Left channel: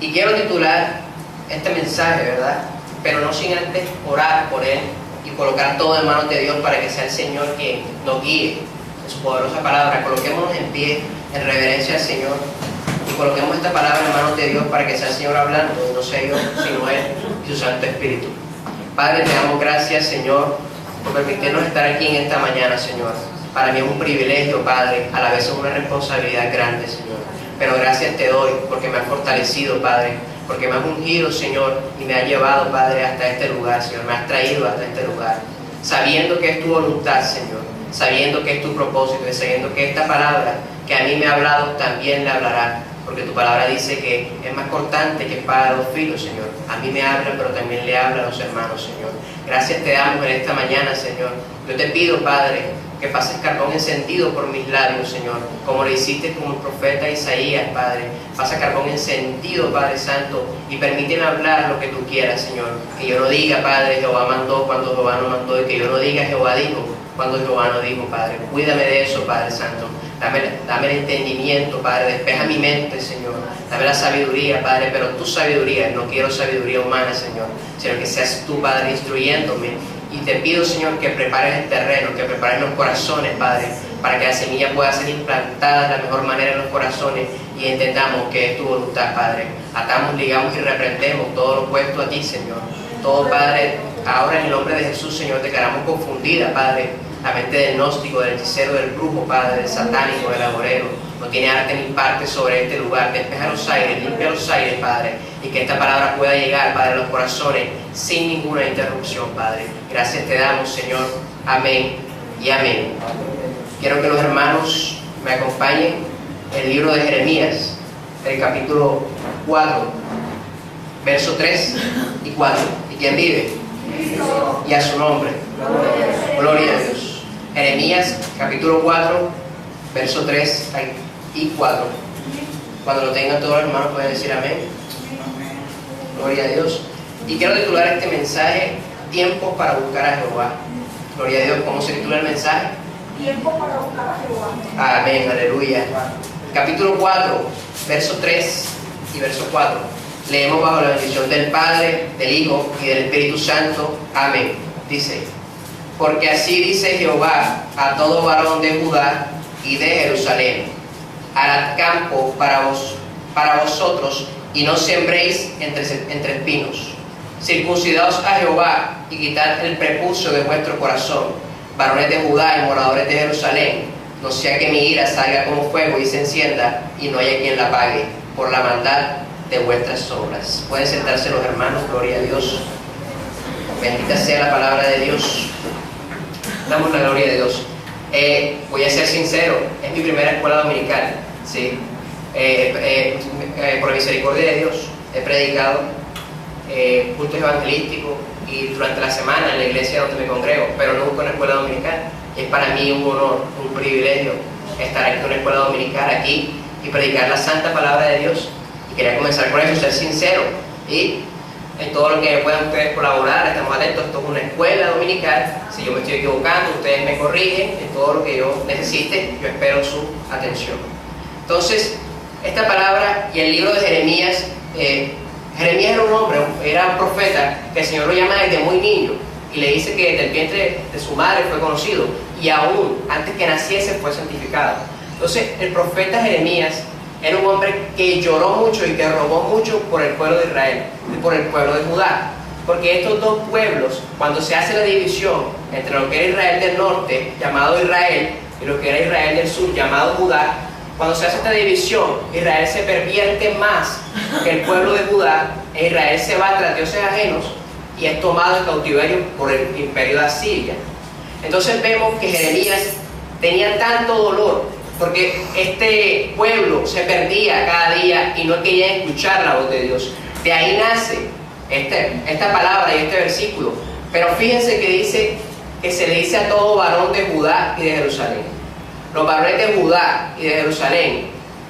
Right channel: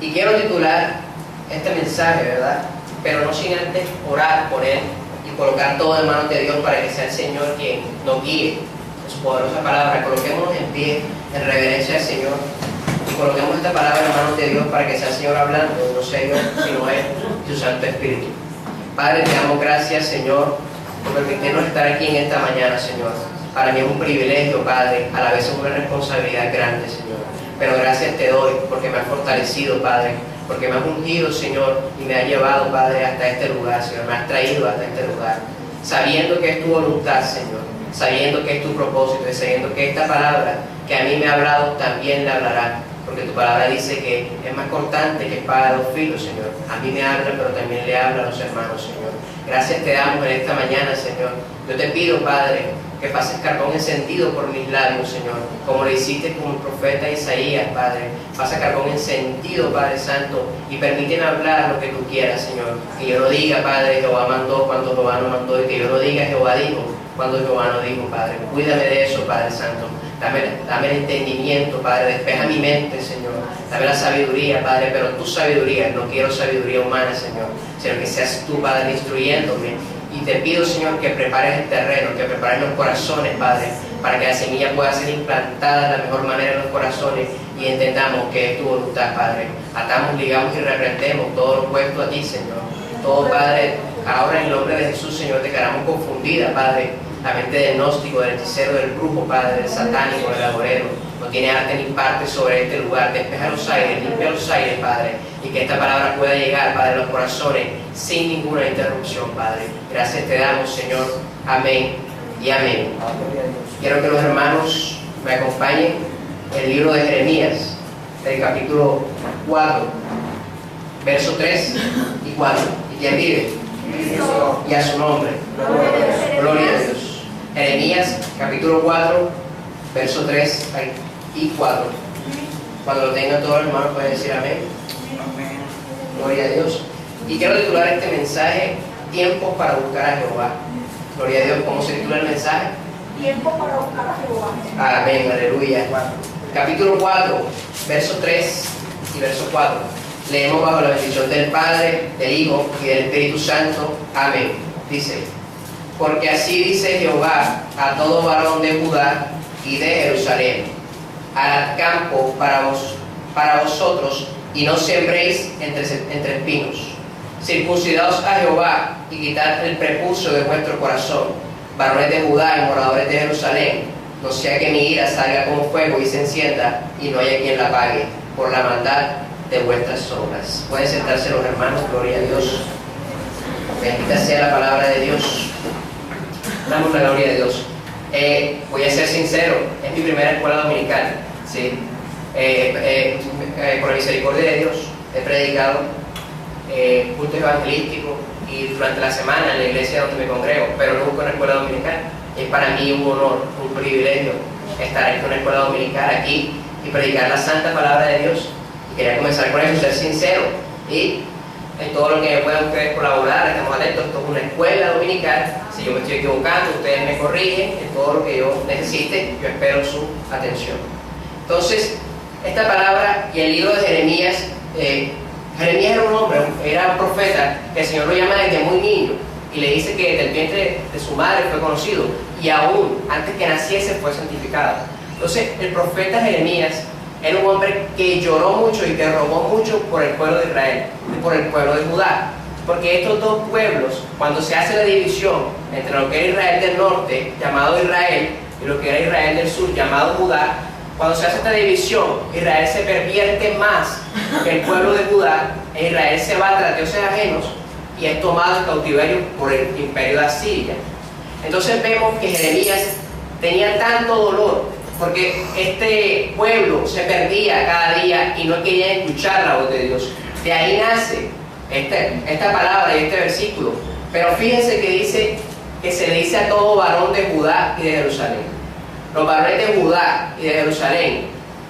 Y quiero titular este mensaje, ¿verdad? Pero no sin antes orar por él y colocar todo en manos de Dios para que sea el Señor quien nos guíe en su poderosa palabra. Coloquémonos en pie en reverencia al Señor y coloquemos esta palabra en manos de Dios para que sea el Señor hablando, no sé yo, sino Él y su Santo Espíritu. Padre, te damos gracias, Señor, por permitirnos estar aquí en esta mañana, Señor. Para mí es un privilegio, Padre, a la vez es una responsabilidad grande, Señor. Pero gracias te doy porque me has fortalecido, Padre, porque me has ungido, Señor, y me has llevado, Padre, hasta este lugar, Señor. Me has traído hasta este lugar, sabiendo que es tu voluntad, Señor, sabiendo que es tu propósito y sabiendo que esta palabra que a mí me ha hablado también le hablará, porque tu palabra dice que es más cortante que espada de dos filos, Señor. A mí me habla, pero también le habla a los hermanos, Señor. Gracias te damos en esta mañana, Señor. Yo te pido, Padre, que pases carbón encendido por mis labios, Señor, como lo hiciste con el profeta Isaías, Padre. Pasa carbón encendido, Padre Santo, y permíteme hablar lo que tú quieras, Señor. Que yo no diga, Padre, Jehová mandó cuando Jehová no mandó, y que yo no diga Jehová dijo cuando Jehová no dijo, Padre. Cuídame de eso, Padre Santo. Dame el entendimiento, Padre. Despeja mi mente, Señor. Dame la sabiduría, Padre, pero tu sabiduría. No quiero sabiduría humana, Señor, sino que seas tú, Padre, instruyéndome. Y te pido, Señor, que prepares el terreno, que prepares los corazones, Padre, para que la semilla pueda ser implantada de la mejor manera en los corazones y entendamos que es tu voluntad, Padre. Atamos, ligamos y reprendemos todo lo opuesto a ti, Señor. Todo, Padre, ahora en el nombre de Jesús, Señor, declaramos confundida, Padre, la mente del gnóstico, del hechicero, del brujo, Padre, del satánico, del agorero. No tiene arte ni parte sobre este lugar. Despeja los aires, limpia los aires, Padre, y que esta palabra pueda llegar, Padre, a los corazones sin ninguna interrupción, Padre. Gracias te damos, Señor. Amén y amén. Quiero que los hermanos me acompañen en el libro de Jeremías, el capítulo 4, verso 3 y 4. ¿Y quién vive? Cristo. Y a su nombre. Gloria a Dios. Jeremías, capítulo 4, verso 3 y 4. Cuando lo tengan todos los hermanos pueden decir amén. Gloria a Dios. Y quiero titular este mensaje, Tiempos para buscar a Jehová. Gloria a Dios. ¿Cómo se titula el mensaje? Tiempo para buscar a Jehová. Amén, aleluya. Capítulo 4, verso 3 y verso 4. Leemos bajo la bendición del Padre, del Hijo y del Espíritu Santo. Amén. Dice: porque así dice Jehová a todo varón de Judá y de Jerusalén: harad campo para vosotros y no sembréis entre espinos. Circuncidaos a Jehová y quitad el prepucio de vuestro corazón, varones de Judá y moradores de Jerusalén, no sea que mi ira salga como fuego y se encienda y no haya quien la apague por la maldad de vuestras obras. Pueden sentarse los hermanos. Gloria a Dios. Bendita sea la palabra de Dios. Damos la gloria de Dios. Voy a ser sincero, es mi primera escuela dominical, ¿sí? Por la misericordia de Dios he predicado cultos evangelísticos y durante la semana en la iglesia donde me congrego, pero no busco una escuela dominical. Es para mí un honor, un privilegio estar aquí en una escuela dominical aquí y predicar la santa palabra de Dios. Y quería comenzar con eso, ser sincero, y en todo lo que puedan ustedes colaborar, estamos atentos. Esto es una escuela dominical. Si yo me estoy equivocando, ustedes me corrigen. En todo lo que yo necesite, yo espero su atención. Entonces, esta palabra y el libro de Jeremías, Jeremías era un hombre, era un profeta que el Señor lo llama desde muy niño y le dice que desde el vientre de su madre fue conocido y aún antes que naciese fue santificado. Entonces, el profeta Jeremías era un hombre que lloró mucho y que rogó mucho por el pueblo de Israel y por el pueblo de Judá. Porque estos dos pueblos, cuando se hace la división entre lo que era Israel del norte, llamado Israel, y lo que era Israel del sur, llamado Judá, cuando se hace esta división, Israel se pervierte más que el pueblo de Judá, e Israel se va tras dioses ajenos y es tomado en cautiverio por el imperio de Asiria. Entonces vemos que Jeremías tenía tanto dolor porque este pueblo se perdía cada día y no quería escuchar la voz de Dios. De ahí nace esta palabra y este versículo. Pero fíjense que dice que se le dice a todo varón de Judá y de Jerusalén. Los varones de Judá y de Jerusalén.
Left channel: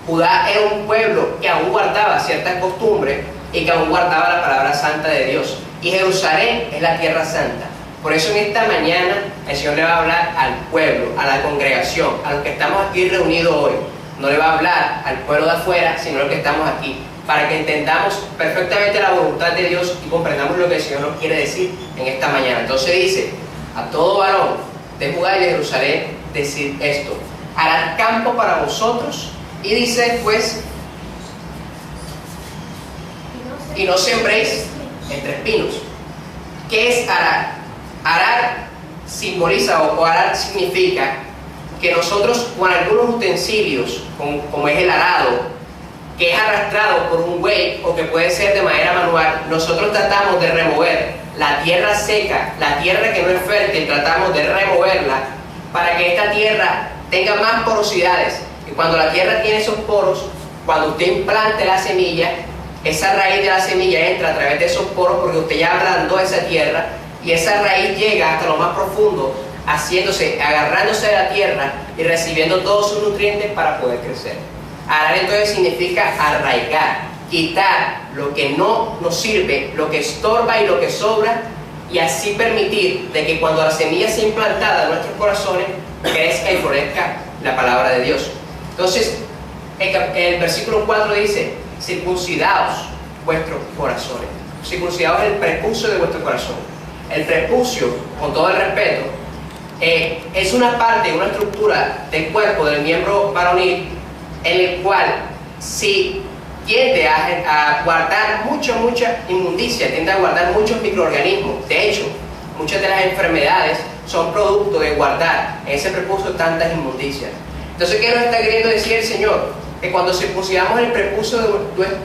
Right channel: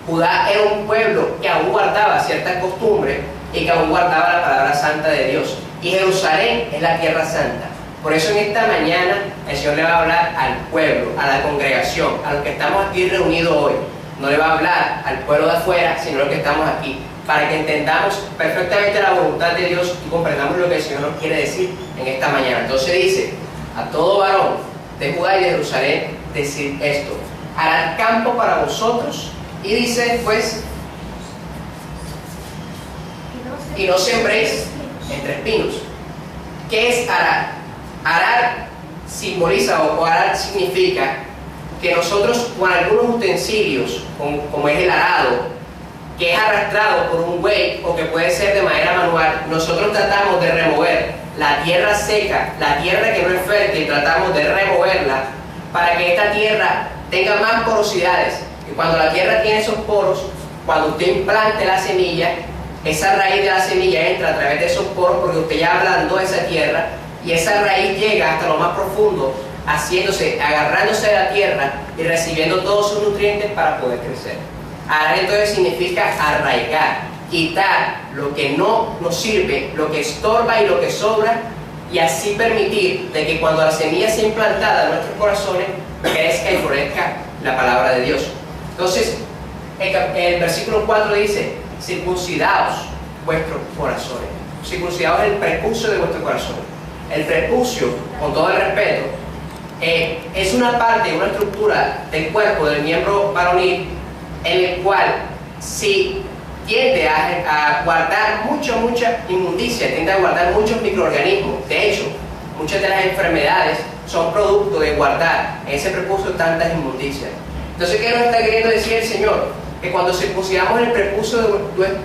Judá era un pueblo que aún guardaba ciertas costumbres y que aún guardaba la palabra santa de Dios. Y Jerusalén es la tierra santa. Por eso en esta mañana el Señor le va a hablar al pueblo, a la congregación, a los que estamos aquí reunidos hoy. No le va a hablar al pueblo de afuera, sino a los que estamos aquí, para que entendamos perfectamente la voluntad de Dios y comprendamos lo que el Señor nos quiere decir en esta mañana. Entonces dice, a todo varón de Judá y de Jerusalén decir esto: harán campo para vosotros. Y dice después, y no sembréis entre espinos. ¿Qué es arar? Arar simboliza o arar significa que nosotros con algunos utensilios, como es el arado, que es arrastrado por un buey o que puede ser de manera manual, nosotros tratamos de remover la tierra seca, la tierra que no es fértil, tratamos de removerla para que esta tierra tenga más porosidades. Y cuando la tierra tiene esos poros, cuando usted implante la semilla, esa raíz de la semilla entra a través de esos poros porque usted ya ablandó esa tierra y esa raíz llega hasta lo más profundo, agarrándose de la tierra y recibiendo todos sus nutrientes para poder crecer. Arar entonces significa arraigar, quitar lo que no nos sirve, lo que estorba y lo que sobra, y así permitir de que cuando la semilla sea implantada en nuestros corazones, crezca y florezca la palabra de Dios. Entonces, el versículo 4 dice: circuncidaos vuestros corazones. Circuncidaos el prepucio de vuestro corazón. El prepucio, con todo el respeto, es una parte, una estructura del cuerpo, del miembro varonil, en el cual si tiende a guardar mucha inmundicia, tiende a guardar muchos microorganismos. De hecho, muchas de las enfermedades son producto de guardar en ese prepucio tantas inmundicias. Entonces, ¿qué nos está queriendo decir el Señor? Que cuando circuncidamos el prepucio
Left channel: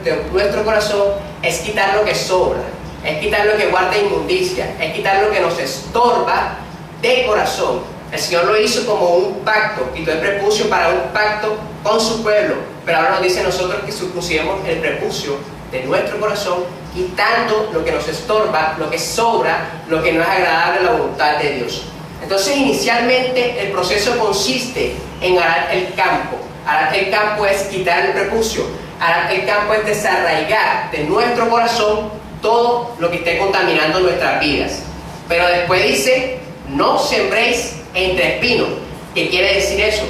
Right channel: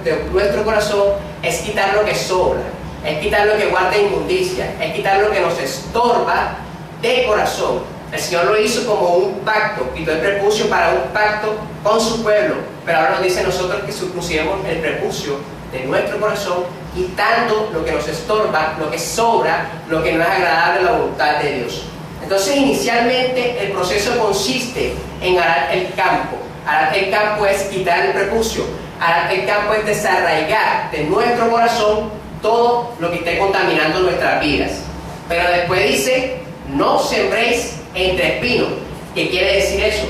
de nuestro corazón, es quitar lo que sobra, es quitar lo que guarda inmundicia, es quitar lo que nos estorba de corazón. El Señor lo hizo como un pacto, quitó el prepucio para un pacto con su pueblo, pero ahora nos dice a nosotros que circuncidemos el prepucio de nuestro corazón, quitando lo que nos estorba, lo que sobra, lo que no es agradable a la voluntad de Dios. Entonces, inicialmente el proceso consiste en arar el campo. Arar el campo es quitar el prepucio. Arar el campo es desarraigar de nuestro corazón todo lo que esté contaminando nuestras vidas. Pero después dice: no sembréis entre espinos. ¿Qué quiere decir eso?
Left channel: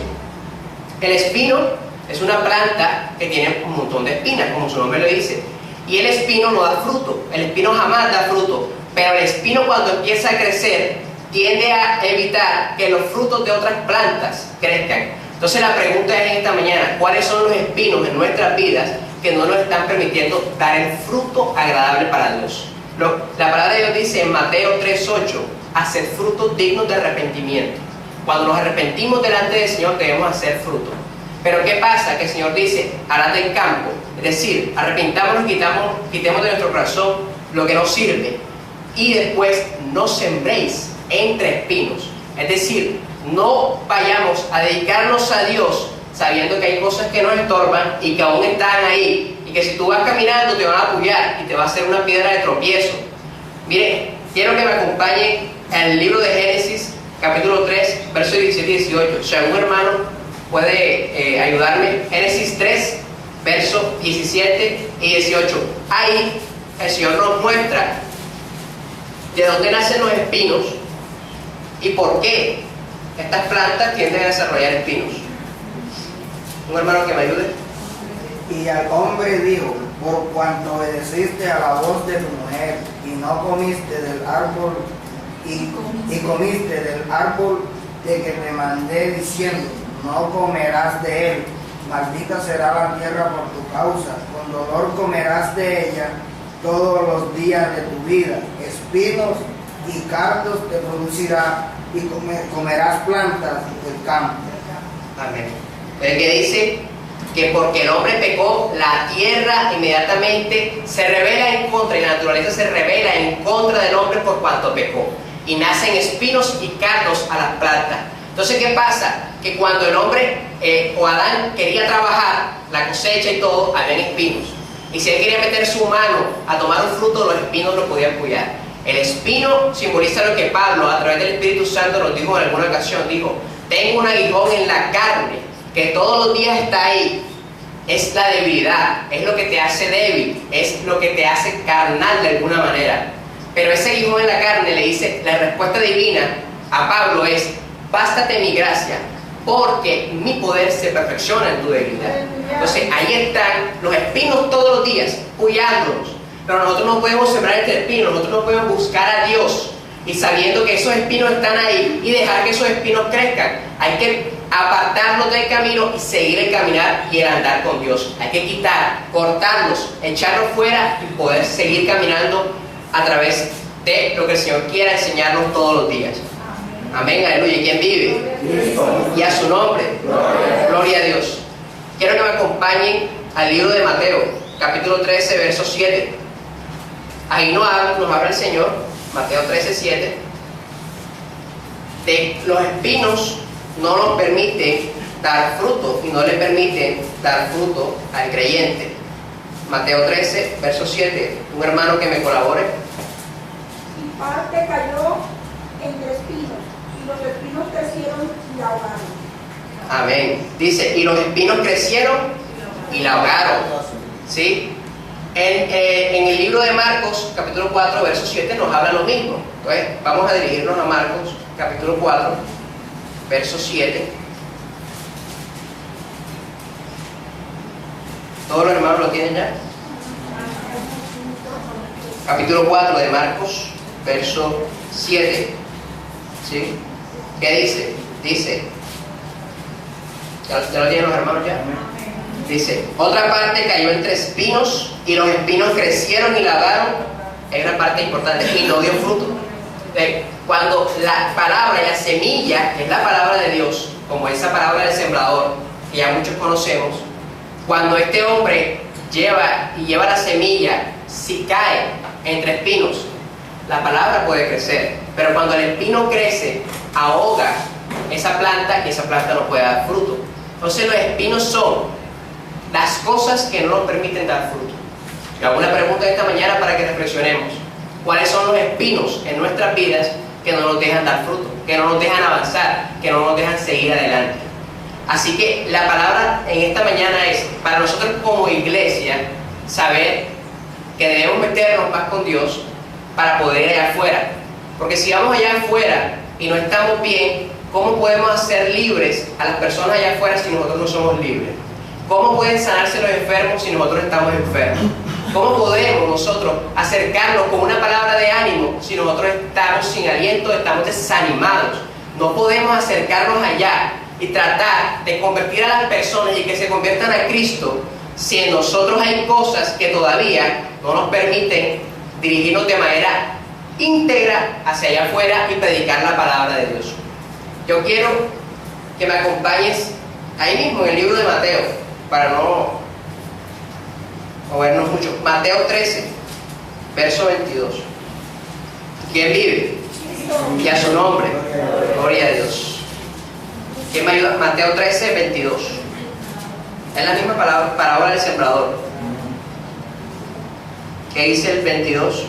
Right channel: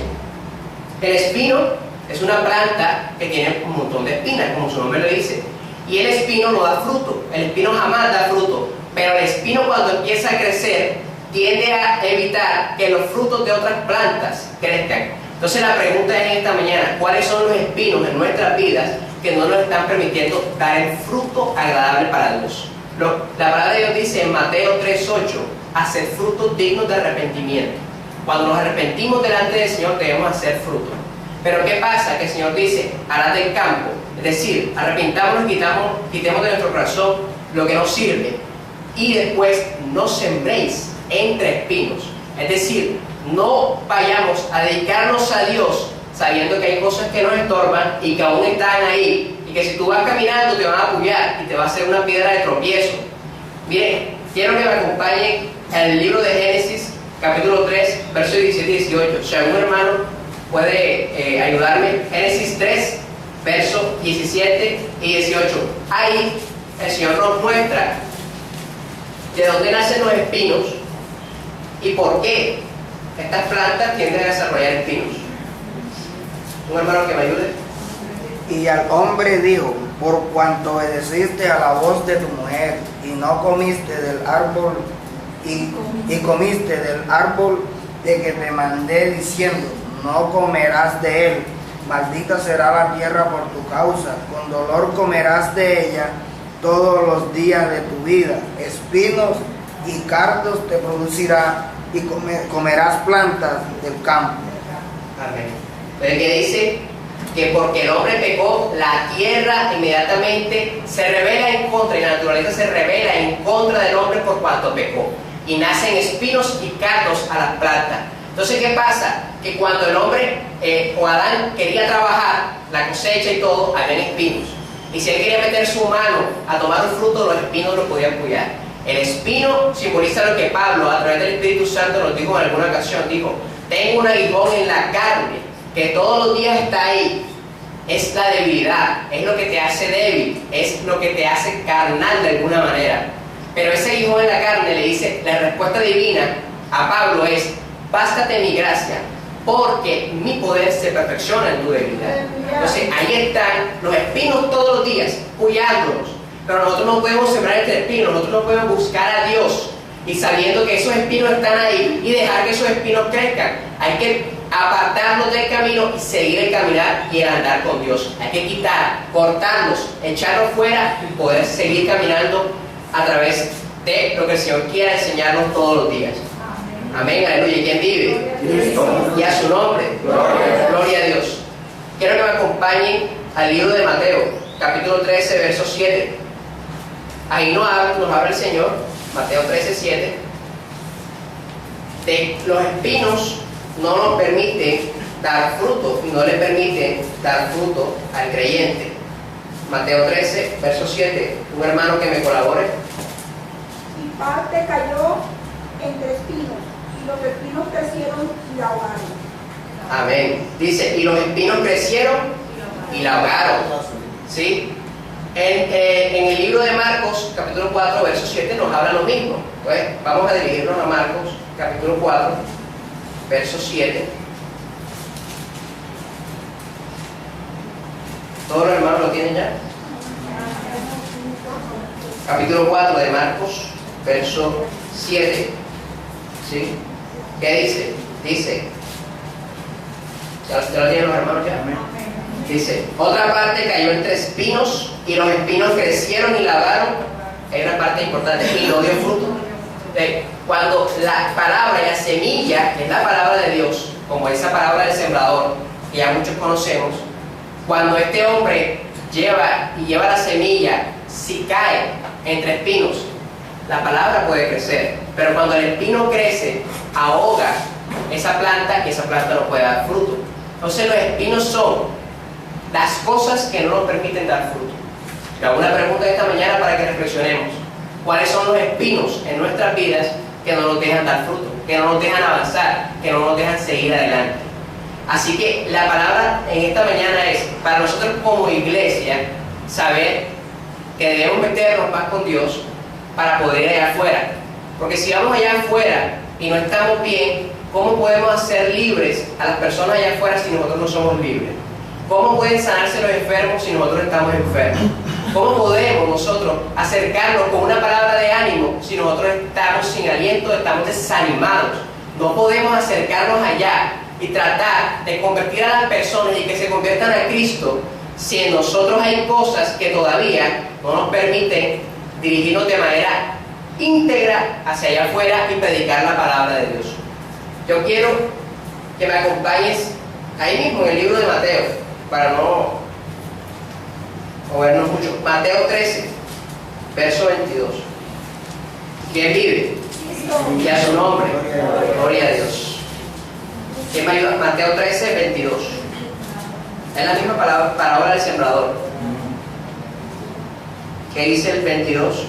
El espino es una planta que tiene un montón de espinas, como su nombre lo dice, y el espino no da fruto. El espino jamás da fruto, pero el espino, cuando empieza a crecer, tiende a evitar que los frutos de otras plantas crezcan. Entonces la pregunta es en esta mañana: ¿cuáles son los espinos en nuestras vidas que no nos están permitiendo dar el fruto agradable para Dios? La palabra de Dios dice en Mateo 3:8: hacer frutos dignos de arrepentimiento. Cuando nos arrepentimos delante del Señor, debemos hacer fruto. Pero ¿qué pasa? Que el Señor dice: harad del campo, es decir, arrepintámonos, quitemos de nuestro corazón lo que nos sirve, y después no sembréis entre espinos. Es decir, no vayamos a dedicarnos a Dios sabiendo que hay cosas que nos estorban y que aún están ahí, y que si tú vas caminando te van a apoyar y te va a hacer una piedra de tropiezo. Miren, quiero que me acompañen al libro de Génesis, capítulo 3, versos 17 y 18. Si algún hermano puede ayudarme. Génesis 3, versos 17 y 18. Ahí el Señor nos muestra de dónde nacen los espinos y por qué estas plantas tienden a desarrollar espinos. ¿Un hermano que me ayude? Y al hombre dijo: por cuanto obedeciste a la voz de tu mujer y no comiste del árbol y comiste del árbol de que te mandé diciendo: no comerás de él, maldita será la tierra por tu causa, con dolor comerás de ella todos los días de tu vida, espinos y cardos te producirá, y comerás plantas del campo. Amén. El que dice que porque el hombre pecó, la tierra inmediatamente se revela en contra, y la naturaleza se revela en contra del hombre por cuanto pecó, y nacen espinos y cardos a las plantas. Entonces, ¿qué pasa? Que cuando el hombre o Adán quería trabajar la cosecha y todo, habían espinos, y si él quería meter su mano a tomar un fruto, los espinos lo podían cuidar. El espino simboliza lo que Pablo, a través del Espíritu Santo, nos dijo en alguna ocasión. Dijo: tengo un aguijón en la carne que todos los días está ahí. Es la debilidad, es lo que te hace débil, es lo que te hace carnal de alguna manera. Pero ese aguijón en la carne, le dice, la respuesta divina a Pablo es: bástate mi gracia, porque mi poder se perfecciona en tu debilidad. Entonces ahí están los espinos todos los días, cuidándonos. Pero nosotros no podemos sembrar este espino, nosotros no podemos buscar a Dios y sabiendo que esos espinos están ahí y dejar que esos espinos crezcan. Hay que apartarnos del camino y seguir el caminar y el andar con Dios. Hay que quitar, cortarlos, echarlos fuera y poder seguir caminando a través de lo que el Señor quiera enseñarnos todos los días. Amén, aleluya. ¿Quién vive? Cristo. Y a su nombre. Gloria a Dios. Quiero que me acompañen al libro de Mateo, capítulo 13, verso 7. Ahí nos habla el Señor, Mateo 13, 7, de los espinos no nos permiten dar fruto y no le permiten dar fruto al creyente. Mateo 13, verso 7. Un hermano que me colabore. Y parte cayó entre espinos, y los espinos crecieron y la ahogaron. Amén. Dice, y los espinos crecieron y la ahogaron. ¿Sí? En el libro de Marcos, capítulo 4, verso 7, nos habla lo mismo. Entonces, vamos a dirigirnos a Marcos, capítulo 4, verso 7. ¿Todos los hermanos lo tienen ya? Capítulo 4 de Marcos, verso 7. ¿Sí? ¿Qué dice? Dice, ¿ya lo tienen los hermanos ya? Dice, otra parte cayó entre espinos y los espinos crecieron y lavaron. Hay una parte importante, y no dio fruto. Cuando la palabra y la semilla, que es la palabra de Dios, como esa palabra del sembrador, que ya muchos conocemos, cuando este hombre lleva la semilla, si cae entre espinos, la palabra puede crecer, pero cuando el espino crece, ahoga esa planta y esa planta no puede dar fruto. Entonces los espinos son las cosas que no nos permiten dar fruto. Y hago una pregunta esta mañana para que reflexionemos. ¿Cuáles son los espinos en nuestras vidas que no nos dejan dar fruto, que no nos dejan avanzar, que no nos dejan seguir adelante? Así que la palabra en esta mañana es, para nosotros como iglesia, saber que debemos meternos más con Dios para poder ir allá afuera. Porque si vamos allá afuera y no estamos bien, ¿cómo podemos hacer libres a las personas allá afuera si nosotros no somos libres? ¿Cómo pueden sanarse los enfermos si nosotros estamos enfermos? ¿Cómo podemos nosotros acercarnos con una palabra de ánimo si nosotros estamos sin aliento, estamos desanimados? No podemos acercarnos allá y tratar de convertir a las personas y que se conviertan a Cristo si en nosotros hay cosas que todavía no nos permiten dirigirnos de manera íntegra hacia allá afuera y predicar la palabra de Dios. Yo quiero que me acompañes ahí mismo en el libro de Mateo, para no movernos mucho. Mateo 13, verso 22. ¿Quién vive? Y a su nombre. Gloria a Dios. ¿Quién me ayuda? Mateo 13, 22. Es la misma parábola del sembrador. ¿Qué dice el 22? Dice,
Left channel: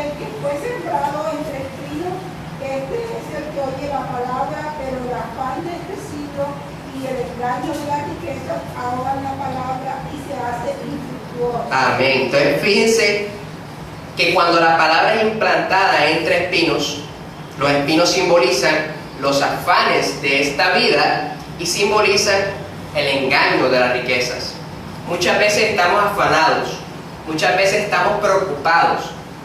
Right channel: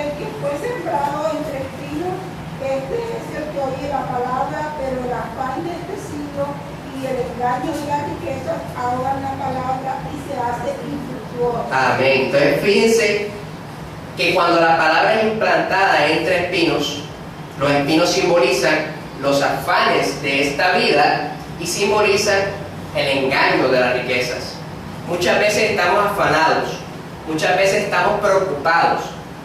el que fue sembrado entre espinos, este es el que oye la palabra, pero el afán de este siglo y el engaño de las riquezas ahogan la palabra y se hace infructuosa. Amén. Entonces fíjense que cuando la palabra es implantada entre espinos, los espinos simbolizan los afanes de esta vida y simbolizan el engaño de las riquezas. Muchas veces estamos afanados, muchas veces estamos preocupados,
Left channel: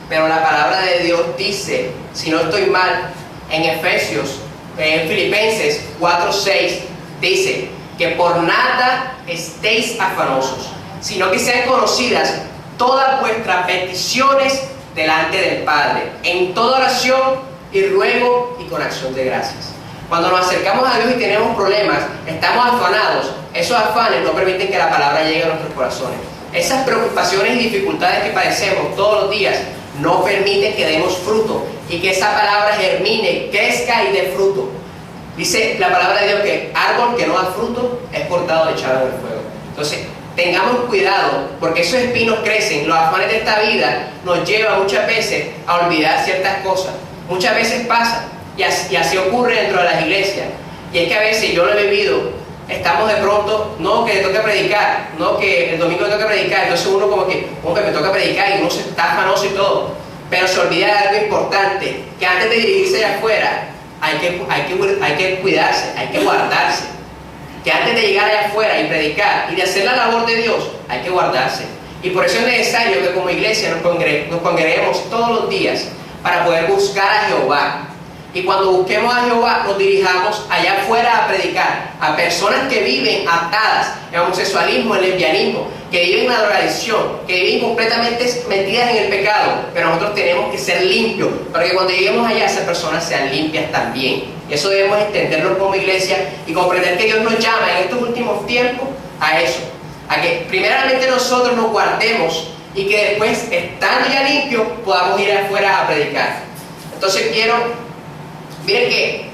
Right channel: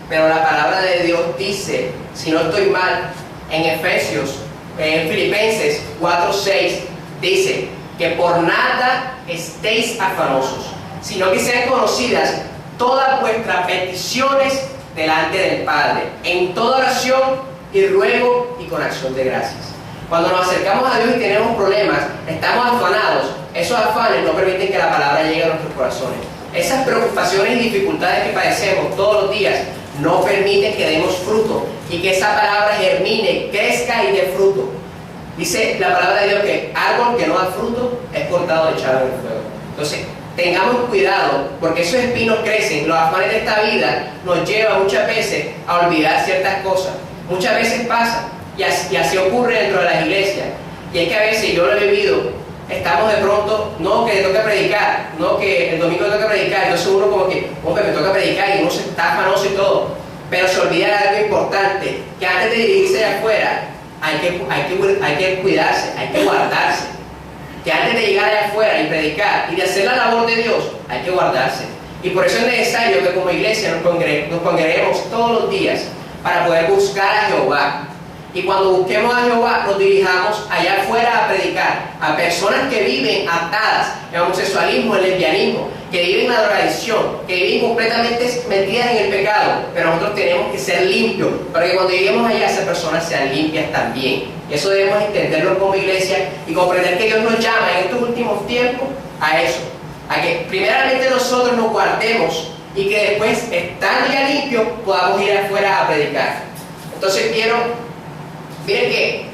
pero la palabra de Dios dice, si no estoy mal, en Filipenses 4:6, dice que por nada estéis afanosos, sino que sean conocidas todas vuestras peticiones delante del Padre, en toda oración y ruego y con acción de gracias. Cuando nos acercamos a Dios y tenemos problemas, estamos afanados, esos afanes no permiten que la palabra llegue a nuestros corazones. Esas preocupaciones y dificultades que padecemos todos los días no permiten que demos fruto y que esa palabra germine, crezca y dé fruto. Dice la palabra de Dios que árbol que no da fruto es cortado y echado en el fuego. Entonces, tengamos cuidado, porque esos espinos crecen. Los afanes de esta vida nos llevan muchas veces a olvidar ciertas cosas. Muchas veces pasa, y así ocurre dentro de las iglesias. Y es que a veces, yo lo he vivido, estamos de pronto, no que le toca predicar, no que el domingo le toca predicar, entonces uno como que, hombre, me toca predicar y uno se está afanoso y todo, pero se olvida de algo importante, que antes de dirigirse allá afuera, hay que cuidarse, hay que guardarse. que antes de llegar allá afuera y predicar y de hacer la labor de Dios, hay que guardarse. Y por eso es necesario que como iglesia nos congreguemos todos los días para poder buscar a Jehová. Y cuando busquemos a Jehová, nos dirijamos allá afuera a predicar a personas que viven atadas en homosexualismo, en lesbianismo, que viven en la drogadicción, que viven completamente metidas en el pecado. Pero nosotros tenemos que ser limpios para que cuando lleguemos allá, esas personas sean limpias también. Y eso debemos entenderlo como iglesia y comprender que Dios nos llama en estos últimos tiempos a eso. A que primeramente nosotros nos guardemos y que después, estando ya limpios, podamos ir afuera a predicar. Entonces miren que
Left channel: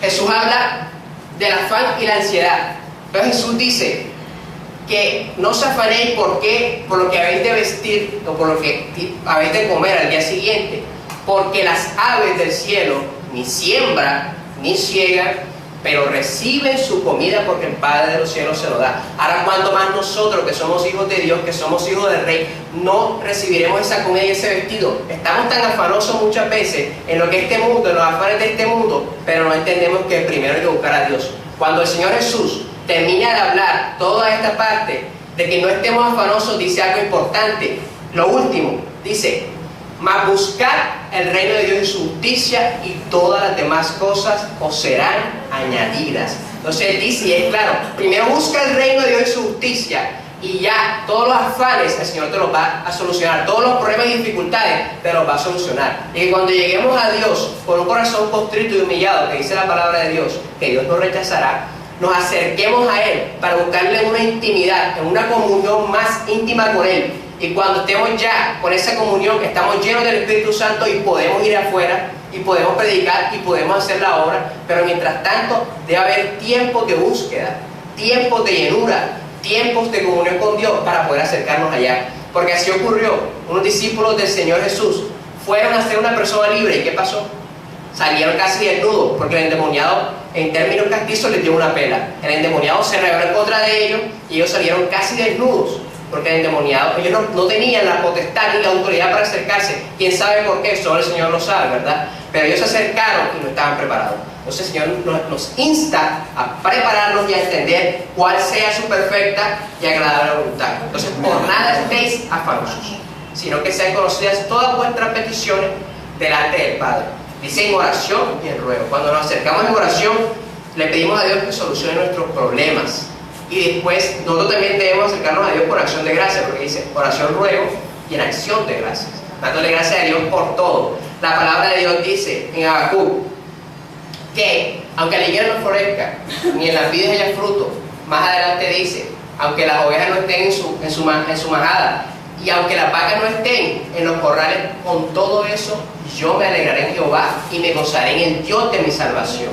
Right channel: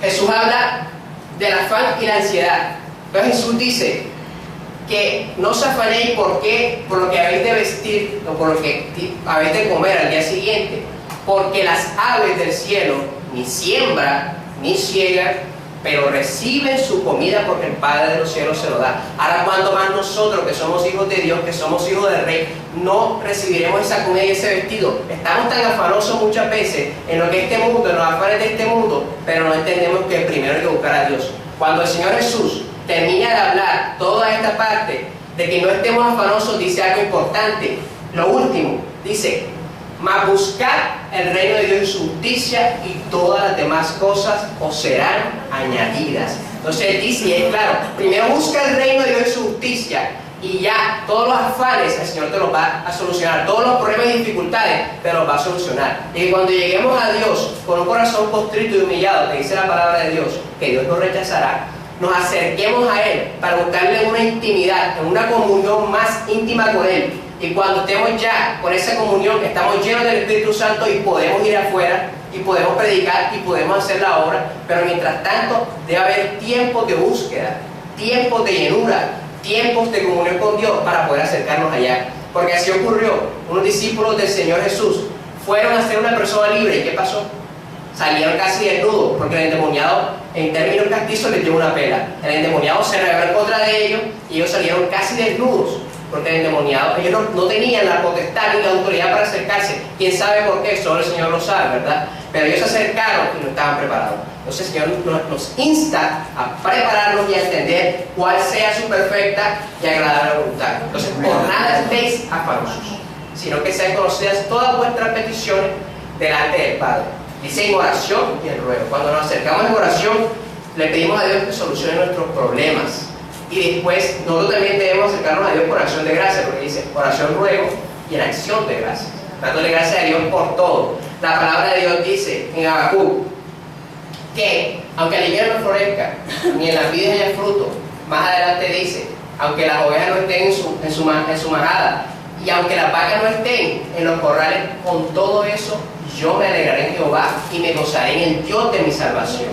Jesús habla del afán y la ansiedad. Entonces Jesús dice que no os afanéis por lo que habéis de vestir o por lo que habéis de comer al día siguiente, porque las aves del cielo ni siembran ni ciegan, pero reciben su comida porque el Padre de los cielos se lo da. Ahora, ¿cuánto más nosotros que somos hijos de Dios, que somos hijos del Rey, no recibiremos esa comida y ese vestido? Estamos tan afanosos muchas veces en lo que este mundo, en los afanes de este mundo, pero no entendemos que primero hay que buscar a Dios. Cuando el Señor Jesús termina de hablar toda esta parte de que no estemos afanosos, dice algo importante. Lo último, dice: mas buscad el reino de Dios y su justicia, y todas las demás cosas os serán añadidas. Entonces dice, y es claro, primero busca el reino de Dios y su justicia, y ya todos los afanes el Señor te los va a solucionar, todos los problemas y dificultades te los va a solucionar. Y que cuando lleguemos a Dios con un corazón contrito y humillado, que dice la palabra de Dios, que Dios nos rechazará, nos acerquemos a Él para buscarle una intimidad, en una comunión más íntima con Él. Y cuando estemos ya con esa comunión, estamos llenos del Espíritu Santo y podemos ir afuera y podemos predicar y podemos hacer la obra. Pero mientras tanto debe haber tiempos de búsqueda, tiempos de llenura, tiempos de comunión con Dios para poder acercarnos allá. Porque así ocurrió. Unos discípulos del Señor Jesús fueron a ser una persona libre. ¿Y qué pasó? Salieron casi desnudos, porque el endemoniado, en términos castizos, les dio una pela. El endemoniado se rebeló en contra de ellos y ellos salieron casi desnudos. Porque el endemoniado, ellos no tenían la potestad ni la autoridad para acercarse. ¿Quién sabe por qué? Solo el Señor lo sabe, ¿verdad? Pero ellos se acercaron y no estaban preparados. Entonces el Señor nos insta a prepararnos y a entender cuál sea su perfecta y agradable voluntad. Entonces, por nada estéis afanosos, sino que sean conocidas todas vuestras peticiones delante del Padre. Dice en oración y en ruego. Cuando nos acercamos en oración, le pedimos a Dios que solucione nuestros problemas. Y después nosotros también debemos acercarnos a Dios por acción de gracia, porque dice oración, ruego y en acción de gracias, dándole gracias a Dios por todo. La palabra de Dios dice en Habacuc que aunque la higuera no florezca ni en las vides haya fruto, más adelante dice, aunque las ovejas no estén en su manada y aunque las vacas no estén en los corrales, con todo eso yo me alegraré en Jehová y me gozaré en el Dios de mi salvación.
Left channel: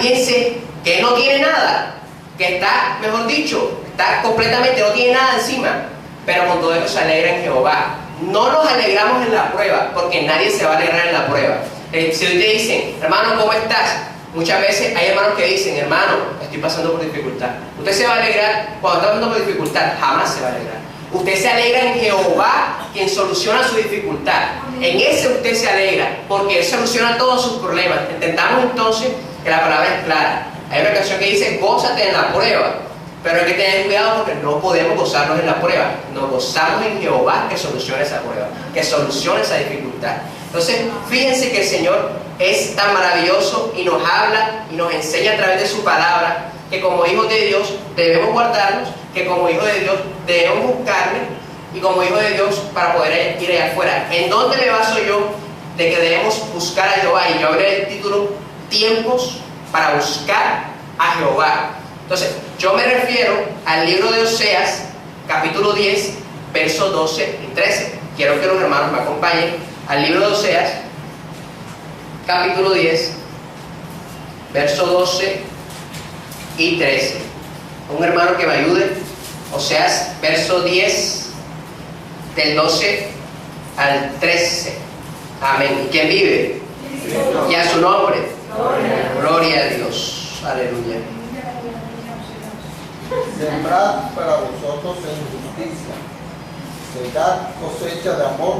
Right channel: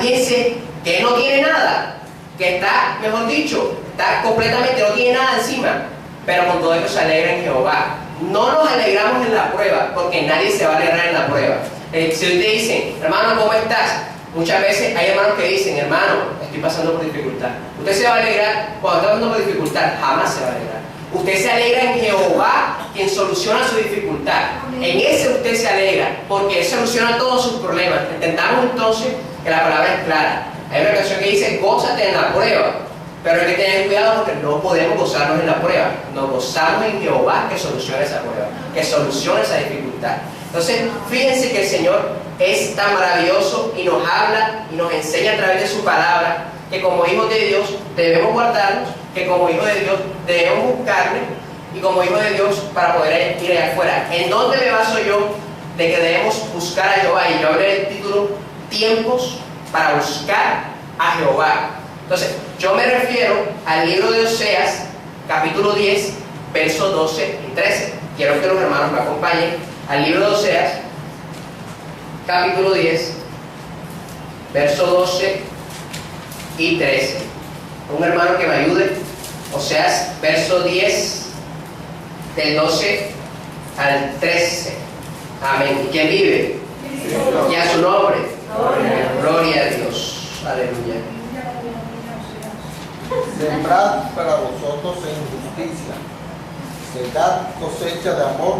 Fíjense que no tiene nada, que está, mejor dicho, está completamente, no tiene nada encima, pero con todo eso se alegra en Jehová. No nos alegramos en la prueba, porque nadie se va a alegrar en la prueba. Si hoy te dicen, hermano, ¿cómo estás? Muchas veces hay hermanos que dicen, hermano, estoy pasando por dificultad. Usted se va a alegrar cuando está pasando por dificultad, jamás se va a alegrar. Usted se alegra en Jehová, quien soluciona su dificultad. En ese usted se alegra, porque Él soluciona todos sus problemas. Entendamos entonces que la palabra es clara. Hay una canción que dice, gózate en la prueba, pero hay que tener cuidado porque no podemos gozarnos en la prueba. Nos gozamos en Jehová que solucione esa prueba, que solucione esa dificultad. Entonces, fíjense que el Señor es tan maravilloso y nos habla y nos enseña a través de su palabra que como hijos de Dios debemos guardarnos, que como hijos de Dios debemos buscarle y como hijos de Dios para poder ir allá afuera. ¿En dónde me baso yo de que debemos buscar a Jehová? Y yo hablé del título, tiempos para buscar a Jehová. Entonces, yo me refiero al libro de Oseas, capítulo 10, versos 12 y 13. Quiero que los hermanos me acompañen al libro de Oseas, capítulo 10, versos 12 y 13. Un hermano que me ayude. Oseas, verso 10, del 12 al 13. Amén. ¿Y quién vive? Y a su nombre. Gloria a Dios. Aleluya. Sembrad para vosotros en justicia, secad cosecha de amor,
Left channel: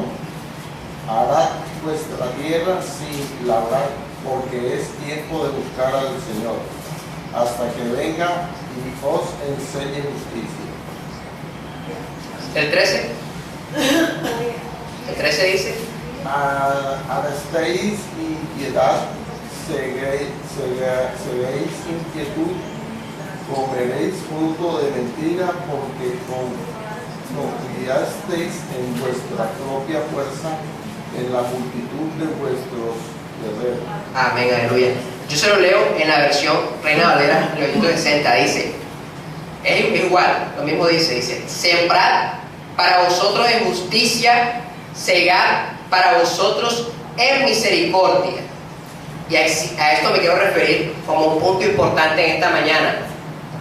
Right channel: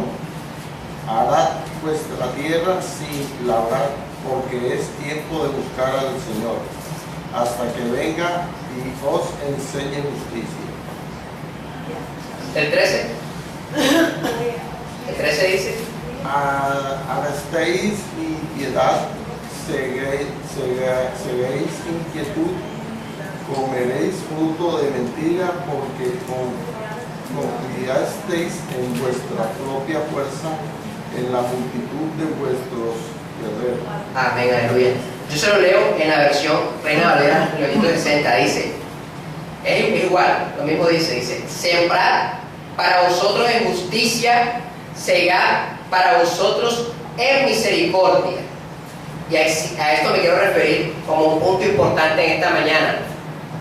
harad vuestra tierra sin labrar, porque es tiempo de buscar al Señor hasta que venga y os enseñe justicia. El 13. El 13 dice: Arrestéis impiedad, seréis inquietud, comeréis fruto de mentira, porque confiasteis en vuestra propia fuerza, en la multitud de vuestros guerreros. Amén, aleluya. Yo se lo leo en la versión Reina Valera 1960. Dice, es igual, lo mismo dice, sembrad para vosotros en justicia, segar para vosotros en misericordia. Y a esto me quiero referir como un punto importante en esta mañana,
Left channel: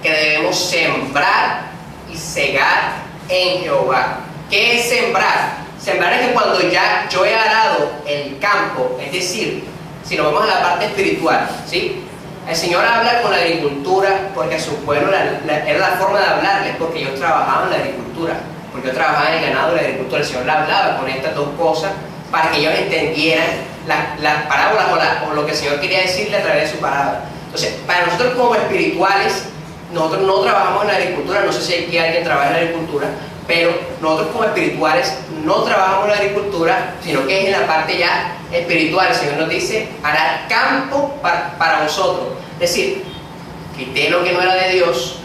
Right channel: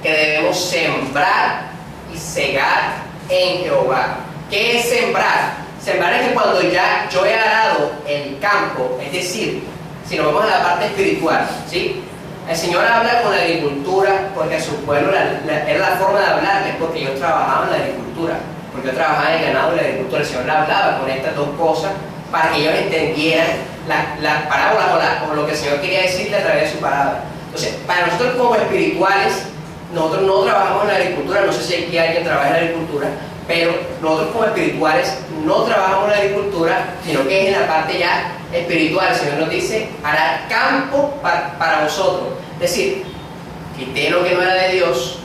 que debemos sembrar y segar en Jehová. ¿Qué es sembrar? Sembrar es que cuando ya yo he arado el campo, es decir, si nos vamos a la parte espiritual, ¿sí? El Señor habla con la agricultura porque a su pueblo era la forma de hablarles, porque ellos trabajaban en la agricultura, porque yo trabajaba en el ganado y la agricultura. El Señor le hablaba con estas dos cosas para que ellos entendieran las parábolas o lo que el Señor quería decirle a través de su palabra. Entonces, para nosotros como espirituales, nosotros no trabajamos en la agricultura. No sé si aquí alguien trabaja en la agricultura, pero nosotros como espirituales no trabajamos en la agricultura, sino que es en la parte ya espiritual. El Señor nos dice, hará campo para vosotros. Es decir, quité lo que no era de Dios,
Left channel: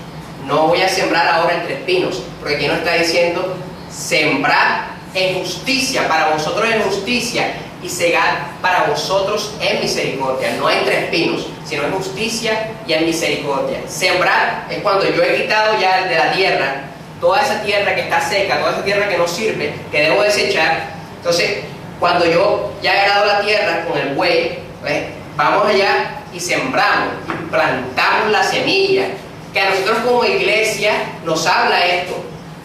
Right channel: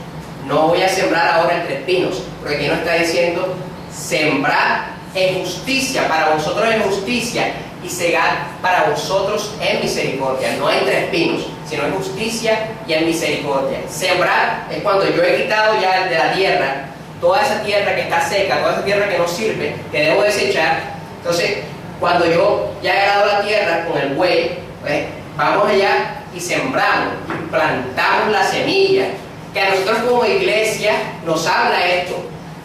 no voy a sembrar ahora entre espinos, porque aquí nos está diciendo, sembrar en justicia, para vosotros en justicia, y segar para vosotros en misericordia, no entre espinos, sino en justicia y en misericordia. Sembrar es cuando yo he quitado ya de la tierra toda esa tierra que está seca, toda esa tierra que no sirve, que debo desechar. Entonces, cuando yo ya he arado la tierra con el buey, pues, vamos allá y sembramos y plantamos la semilla, que a nosotros como iglesia nos habla esto,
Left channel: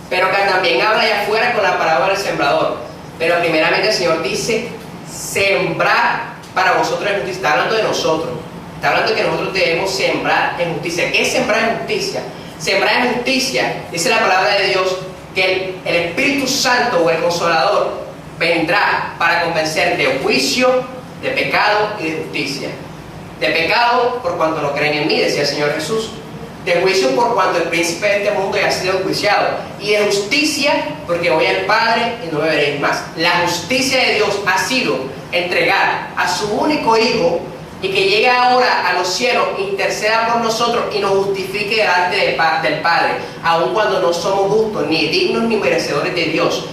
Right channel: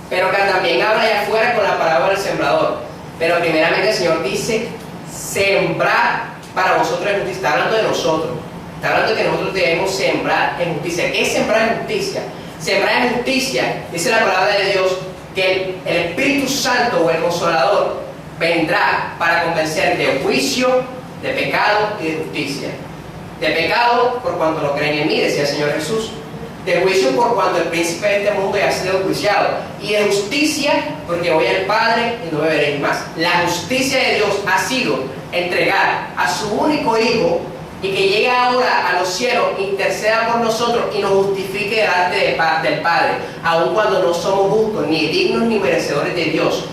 pero que también habla allá afuera con la parábola del sembrador. Pero primeramente el Señor dice, sembrar para vosotros en justicia. Está hablando de nosotros, está hablando de que nosotros debemos sembrar en justicia. ¿Qué es sembrar en justicia? Sembrar en justicia, dice la palabra de Dios, que el Espíritu Santo o el Consolador vendrá para convencer de juicio, de pecado y de justicia. De pecado por cuanto no creen en mí, decía el Señor Jesús. De juicio por cuanto el príncipe de este mundo ya ha sido enjuiciado. Y de justicia porque voy al Padre y no me veréis más. La justicia de Dios ha sido entregar a su único Hijo y que llegue ahora a los cielos, interceda por nosotros y nos justifique delante del Padre, aun cuando no somos justos, ni dignos ni merecedores de Dios.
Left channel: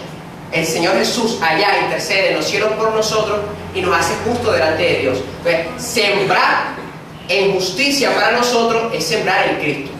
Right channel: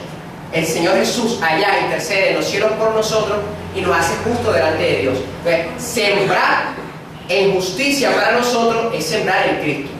El Señor Jesús allá intercede en los cielos por nosotros y nos hace justos delante de Dios. Entonces, sembrar en justicia para nosotros es sembrar en Cristo,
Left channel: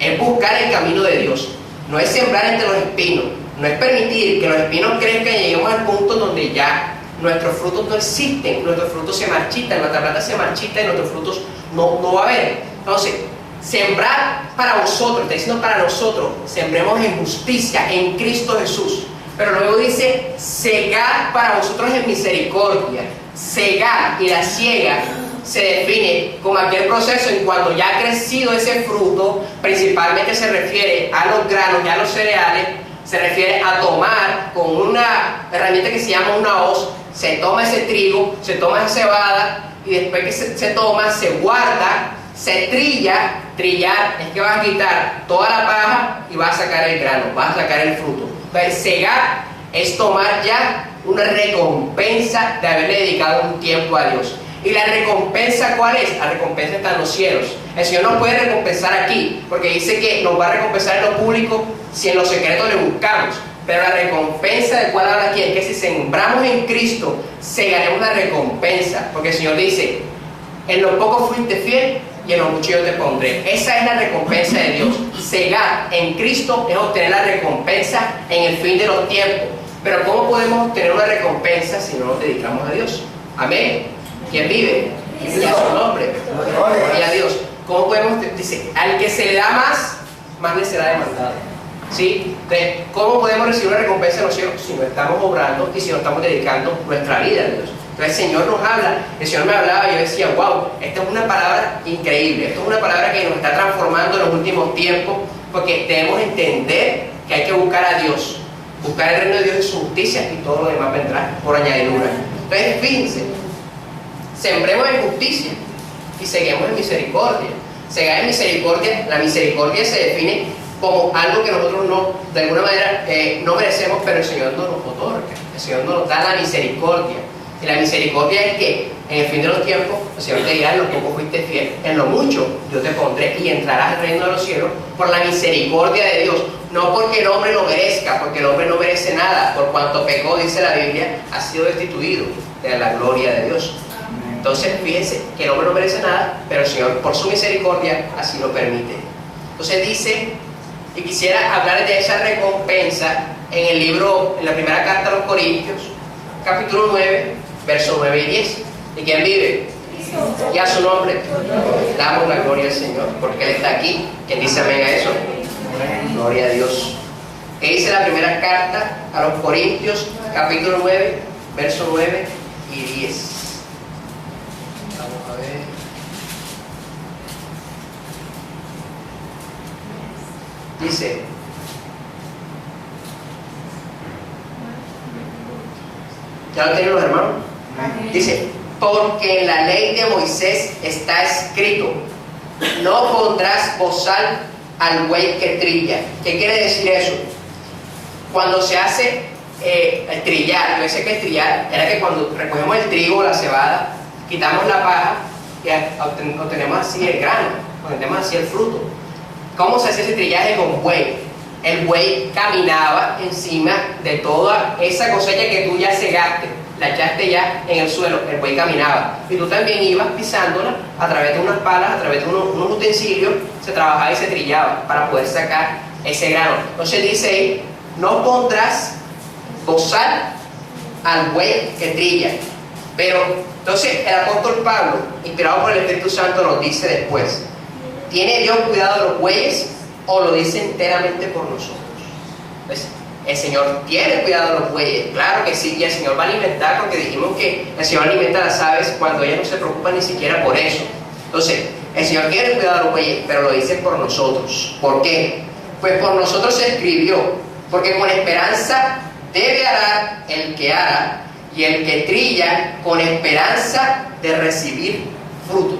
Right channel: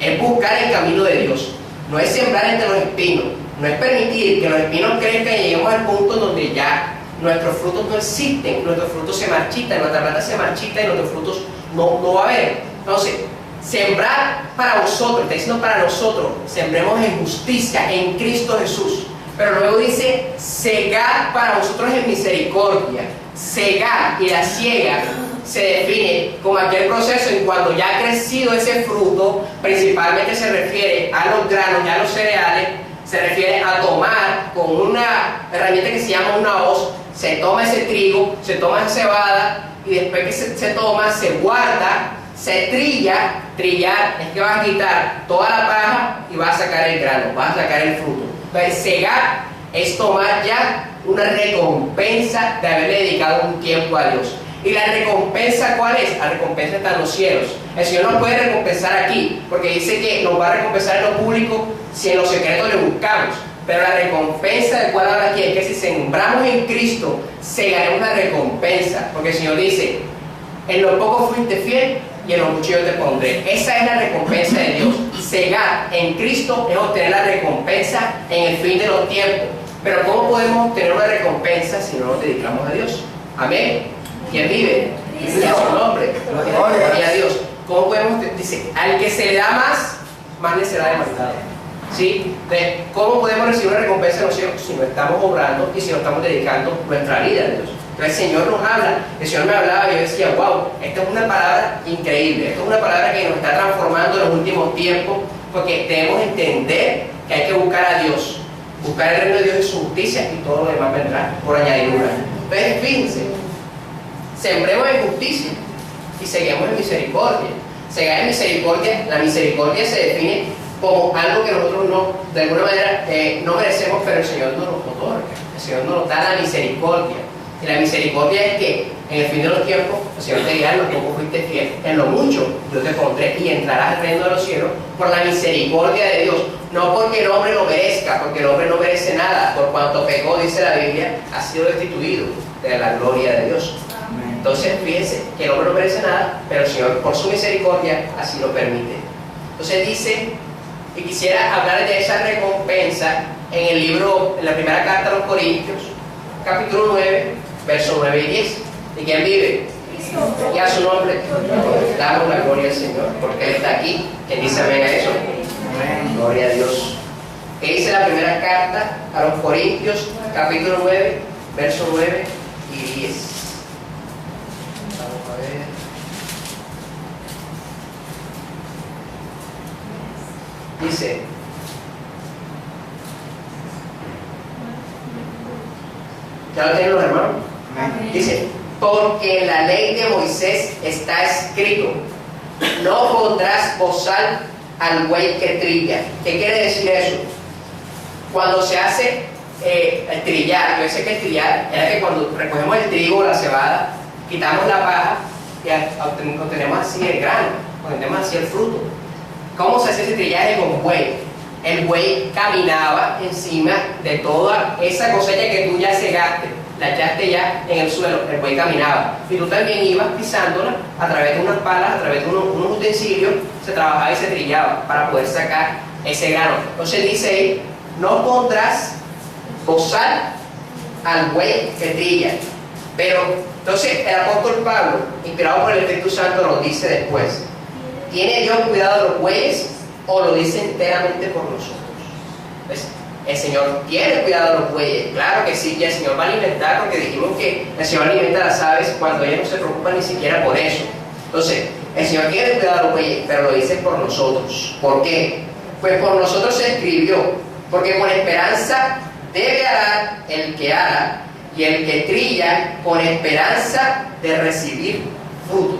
es buscar el camino de Dios, no es sembrar entre los espinos, no es permitir que los espinos crezcan y lleguemos al punto donde ya nuestros frutos no existen, nuestros frutos se marchitan, nuestra planta se marchita y nuestros frutos no va a haber. Entonces, sembrar para vosotros, está diciendo para nosotros, sembremos en justicia en Cristo Jesús. Pero luego dice, segar para vosotros en misericordia. Segar y la siega se define como aquel proceso en cuando ya ha crecido ese fruto, principalmente se refiere a los granos y a los cereales, se refiere a tomar con una herramienta que se llama una hoz, se toma ese trigo, se toma esa cebada y después que se toma, se guarda, se trilla. Trillar es que vas a quitar toda la paja y vas a sacar el grano, vas a sacar el fruto. Entonces, segar es tomar ya una recompensa de haberle dedicado un tiempo a Dios. ¿Y la recompensa cuál es? La recompensa está en los cielos. El Señor nos puede recompensar aquí, porque dice que nos va a recompensar en lo público si en lo secreto le buscamos. Pero la recompensa de cuál habla aquí es que si sembramos en Cristo, segaremos la recompensa. Porque el Señor dice, en lo poco fuiste fiel y en lo mucho yo te pondré. Esa es la recompensa de Dios. Segar en Cristo es obtener la recompensa en el fin de los tiempos. Pero ¿cómo podemos obtener una recompensa si no nos dedicamos a Dios? Amén. ¿Quién vive? Y vive su nombre. Gloria a Dios. ¿Cómo podemos? Dice, al que se le da más, más le será demandado. ¿Sí? Entonces, ¿cómo podemos recibir una recompensa en los cielos? Si no estamos obrando y si no estamos dedicando nuestra vida a Dios. Entonces el Señor nos habla, el Señor me hablaba y yo decía, wow, esta es una palabra increíble, esta es una palabra que nos está transformando en los últimos tiempos, porque debemos entender que hay que buscar a Dios, buscar el reino de Dios y su justicia, y todo lo demás vendrá por añadidura. Entonces fíjense, sembremos en justicia y seguimos en misericordia. cegar en misericordia. La misericordia se define como algo que nosotros no, de alguna manera, no merecemos, pero el Señor nos lo otorga. El Señor nos da la misericordia. Y la misericordia es que en el fin de los tiempos el Señor te dirá: en lo poco fuiste fiel, en lo mucho yo te pondré y entrarás al reino de los cielos, por la misericordia de Dios. No porque el hombre lo merezca, porque el hombre no merece nada. Por cuanto pecó, dice la Biblia, ha sido destituido de la gloria de Dios. Entonces fíjense que el hombre no merece nada, pero el Señor por su misericordia así lo permite. Entonces dice, y quisiera hablar de esa recompensa en el libro, en la primera carta a los Corintios, capítulo 9, versos 9 y 10. ¿Y quién vive? Y a su nombre damos la gloria al Señor, porque Él está aquí. ¿Quién dice amén a eso? Amén. Gloria a Dios. ¿Qué dice la primera carta a los Corintios, capítulo 9, versos 9 y 10? Vamos a ver. Dice: ¿ya lo tienen los hermanos? Dice: porque en la ley de Moisés está escrito: no pondrás bozal al buey que trilla. ¿Qué quiere decir eso? Cuando se hace el trillar, yo sé que el trillar era que cuando recogemos el trigo o la cebada, quitamos la paja y obtenemos así el grano, obtenemos así el fruto. ¿Cómo se hace ese trillaje con buey? El buey caminaba encima de toda esa cosecha que tú ya cegaste, la echaste ya en el suelo, el buey caminaba. Y tú también ibas pisándola a través de unas palas, a través de unos utensilios, se trabajaba y se trillaba para poder sacar ese grano. Entonces dice ahí: no pondrás bozal al buey que trilla. Pero entonces el apóstol Pablo, inspirado por el Espíritu Santo, nos dice después: ¿tiene Dios cuidado de los bueyes o lo dice enteramente por nosotros? ¿Ves? El Señor tiene cuidado de los bueyes, claro que sí, y el Señor va a alimentar, porque dijimos que el Señor alimenta a las aves cuando ellas no se preocupan ni siquiera por eso. Entonces, el Señor tiene cuidado de los bueyes, pero lo dice por nosotros. ¿Por qué? Pues por nosotros se escribió: porque con esperanza debe arar el que ara, y el que trilla con esperanza de recibir fruto.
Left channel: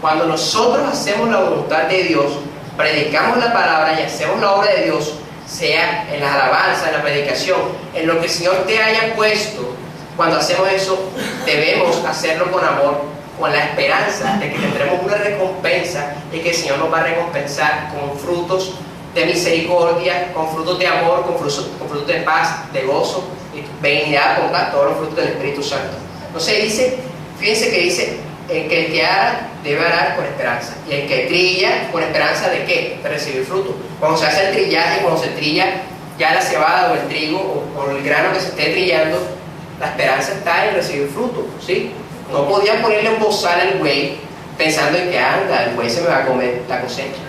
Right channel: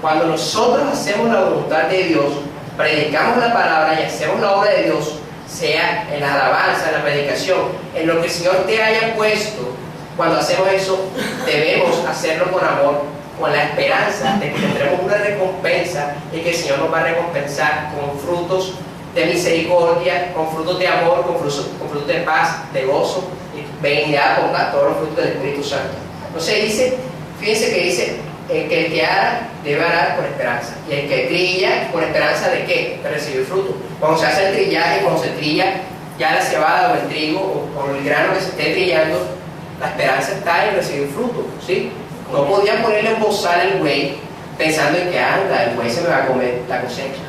Cuando nosotros hacemos la voluntad de Dios, predicamos la palabra y hacemos la obra de Dios, sea en la alabanza, en la predicación, en lo que el Señor te haya puesto, cuando hacemos eso, debemos hacerlo con amor, con la esperanza de que tendremos una recompensa y que el Señor nos va a recompensar con frutos de misericordia, con frutos de amor, con frutos de paz, de gozo y benignidad, con todos los frutos del Espíritu Santo. Entonces dice, fíjense que dice: el que ara debe arar con esperanza, y el que trilla con esperanza ¿de qué? De recibir fruto. Cuando se hace el trillaje, cuando se trilla ya la cebada o el trigo o el grano que se esté trillando, la esperanza está en recibir fruto, ¿sí? No podían ponerle un bozal al buey pensando en que anda, el buey se me va a comer la cosecha.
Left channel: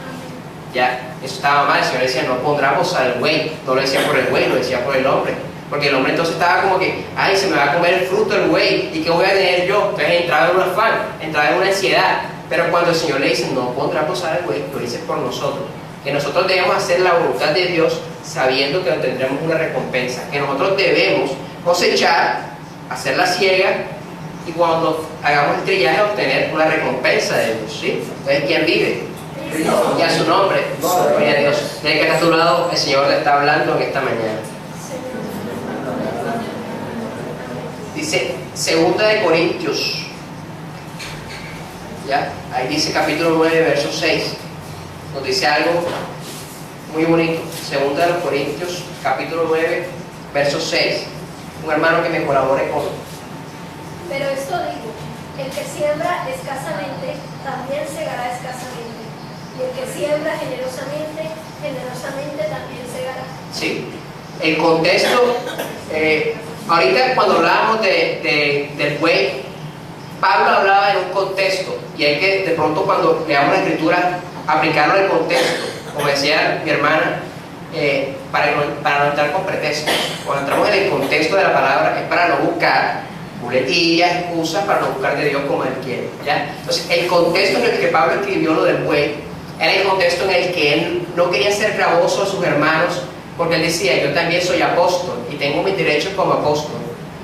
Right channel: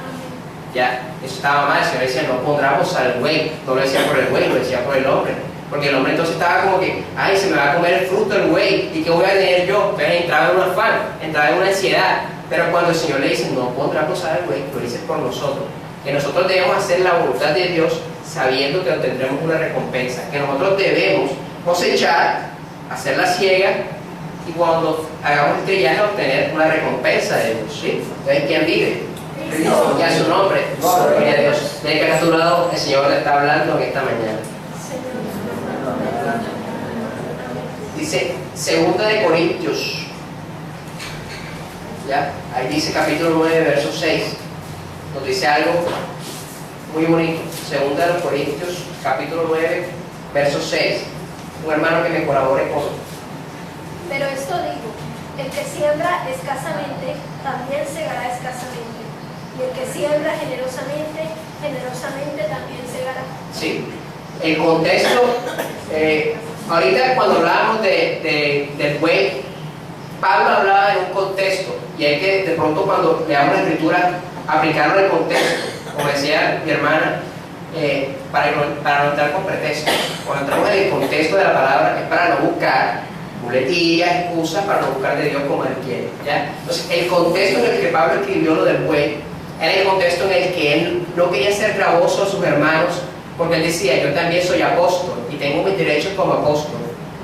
Ya, eso estaba mal. El Señor decía: no pondrá bozal al buey. No lo decía por el buey, lo decía por el hombre. Porque el hombre entonces estaba como que: ay, se me va a comer el fruto del buey, ¿y qué voy a tener yo? Entonces entraba en un afán, entraba en una ansiedad. Pero cuando el Señor le dice: no pondrá bozal al buey, lo dice por nosotros. Que nosotros debemos hacer la voluntad de Dios sabiendo que obtendremos una recompensa. Que nosotros debemos cosechar, hacer la siega, y cuando hagamos el trillaje obtener una recompensa de Dios, ¿sí? Entonces, ¿quién vive? Y a su nombre, gloria a Dios. Desde que está a tu lado, el Señor le está hablando en esta mañana. Dice 2 Corintios, ¿ya? Ahí dice capítulo 9, verso 6. Nos dice algo muy bonito. 2 Corintios, capítulo 9, verso 6. Un hermano que me colabore con. Pero esto digo: el que siembra escasamente, también segará escasamente. Y el que siembra generosamente, generosamente también segará. Sí, el contexto, ahorita cuando hablábamos del buey, Pablo hablaba en un contexto, y hay que de pronto cuando leamos la escritura aplicarlo al contexto, como decía mi hermana, para no entrar con pretextos. Cuando entramos en el contexto de la palabra es para no buscar muletillas, excusas, para no buscar de Dios como Él quiere, ¿ya? Entonces el contexto en el que Pablo escribió lo del buey era el contexto en el que él no quería ser gravoso a sus hermanos, porque él decía: yo también soy apóstol y tengo mis derechos como apóstol,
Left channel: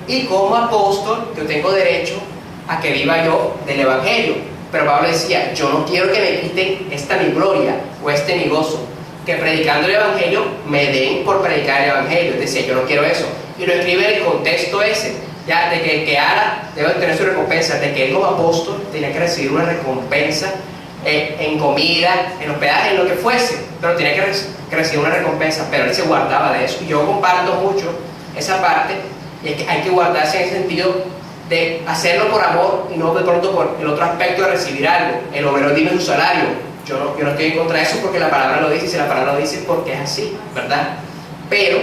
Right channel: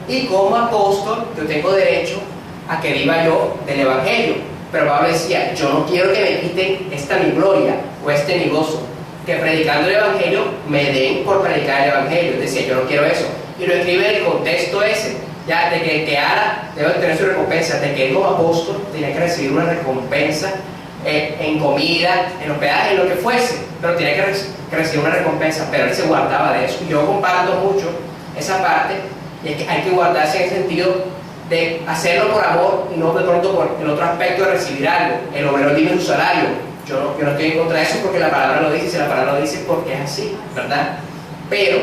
y como apóstol yo tengo derecho a que viva yo del evangelio. Pero Pablo decía, yo no quiero que me quiten esta mi gloria o este mi gozo, que predicando el Evangelio me den por predicar el Evangelio. Decía, yo no quiero eso. Y lo escribe en el contexto ese, ya de que ahora debe tener su recompensa, de que los apóstoles tenían que recibir una recompensa en comida, en hospedaje, en lo que fuese, pero tenía que recibir una recompensa, pero él se guardaba de eso. Y yo comparto mucho esa parte, y es que hay que guardarse en el sentido de hacerlo por amor y no de pronto por el otro aspecto de recibir algo. El obrero tiene su salario. Yo no estoy en contra de eso porque la palabra lo dice, y si la palabra lo dice porque es así, ¿verdad? Pero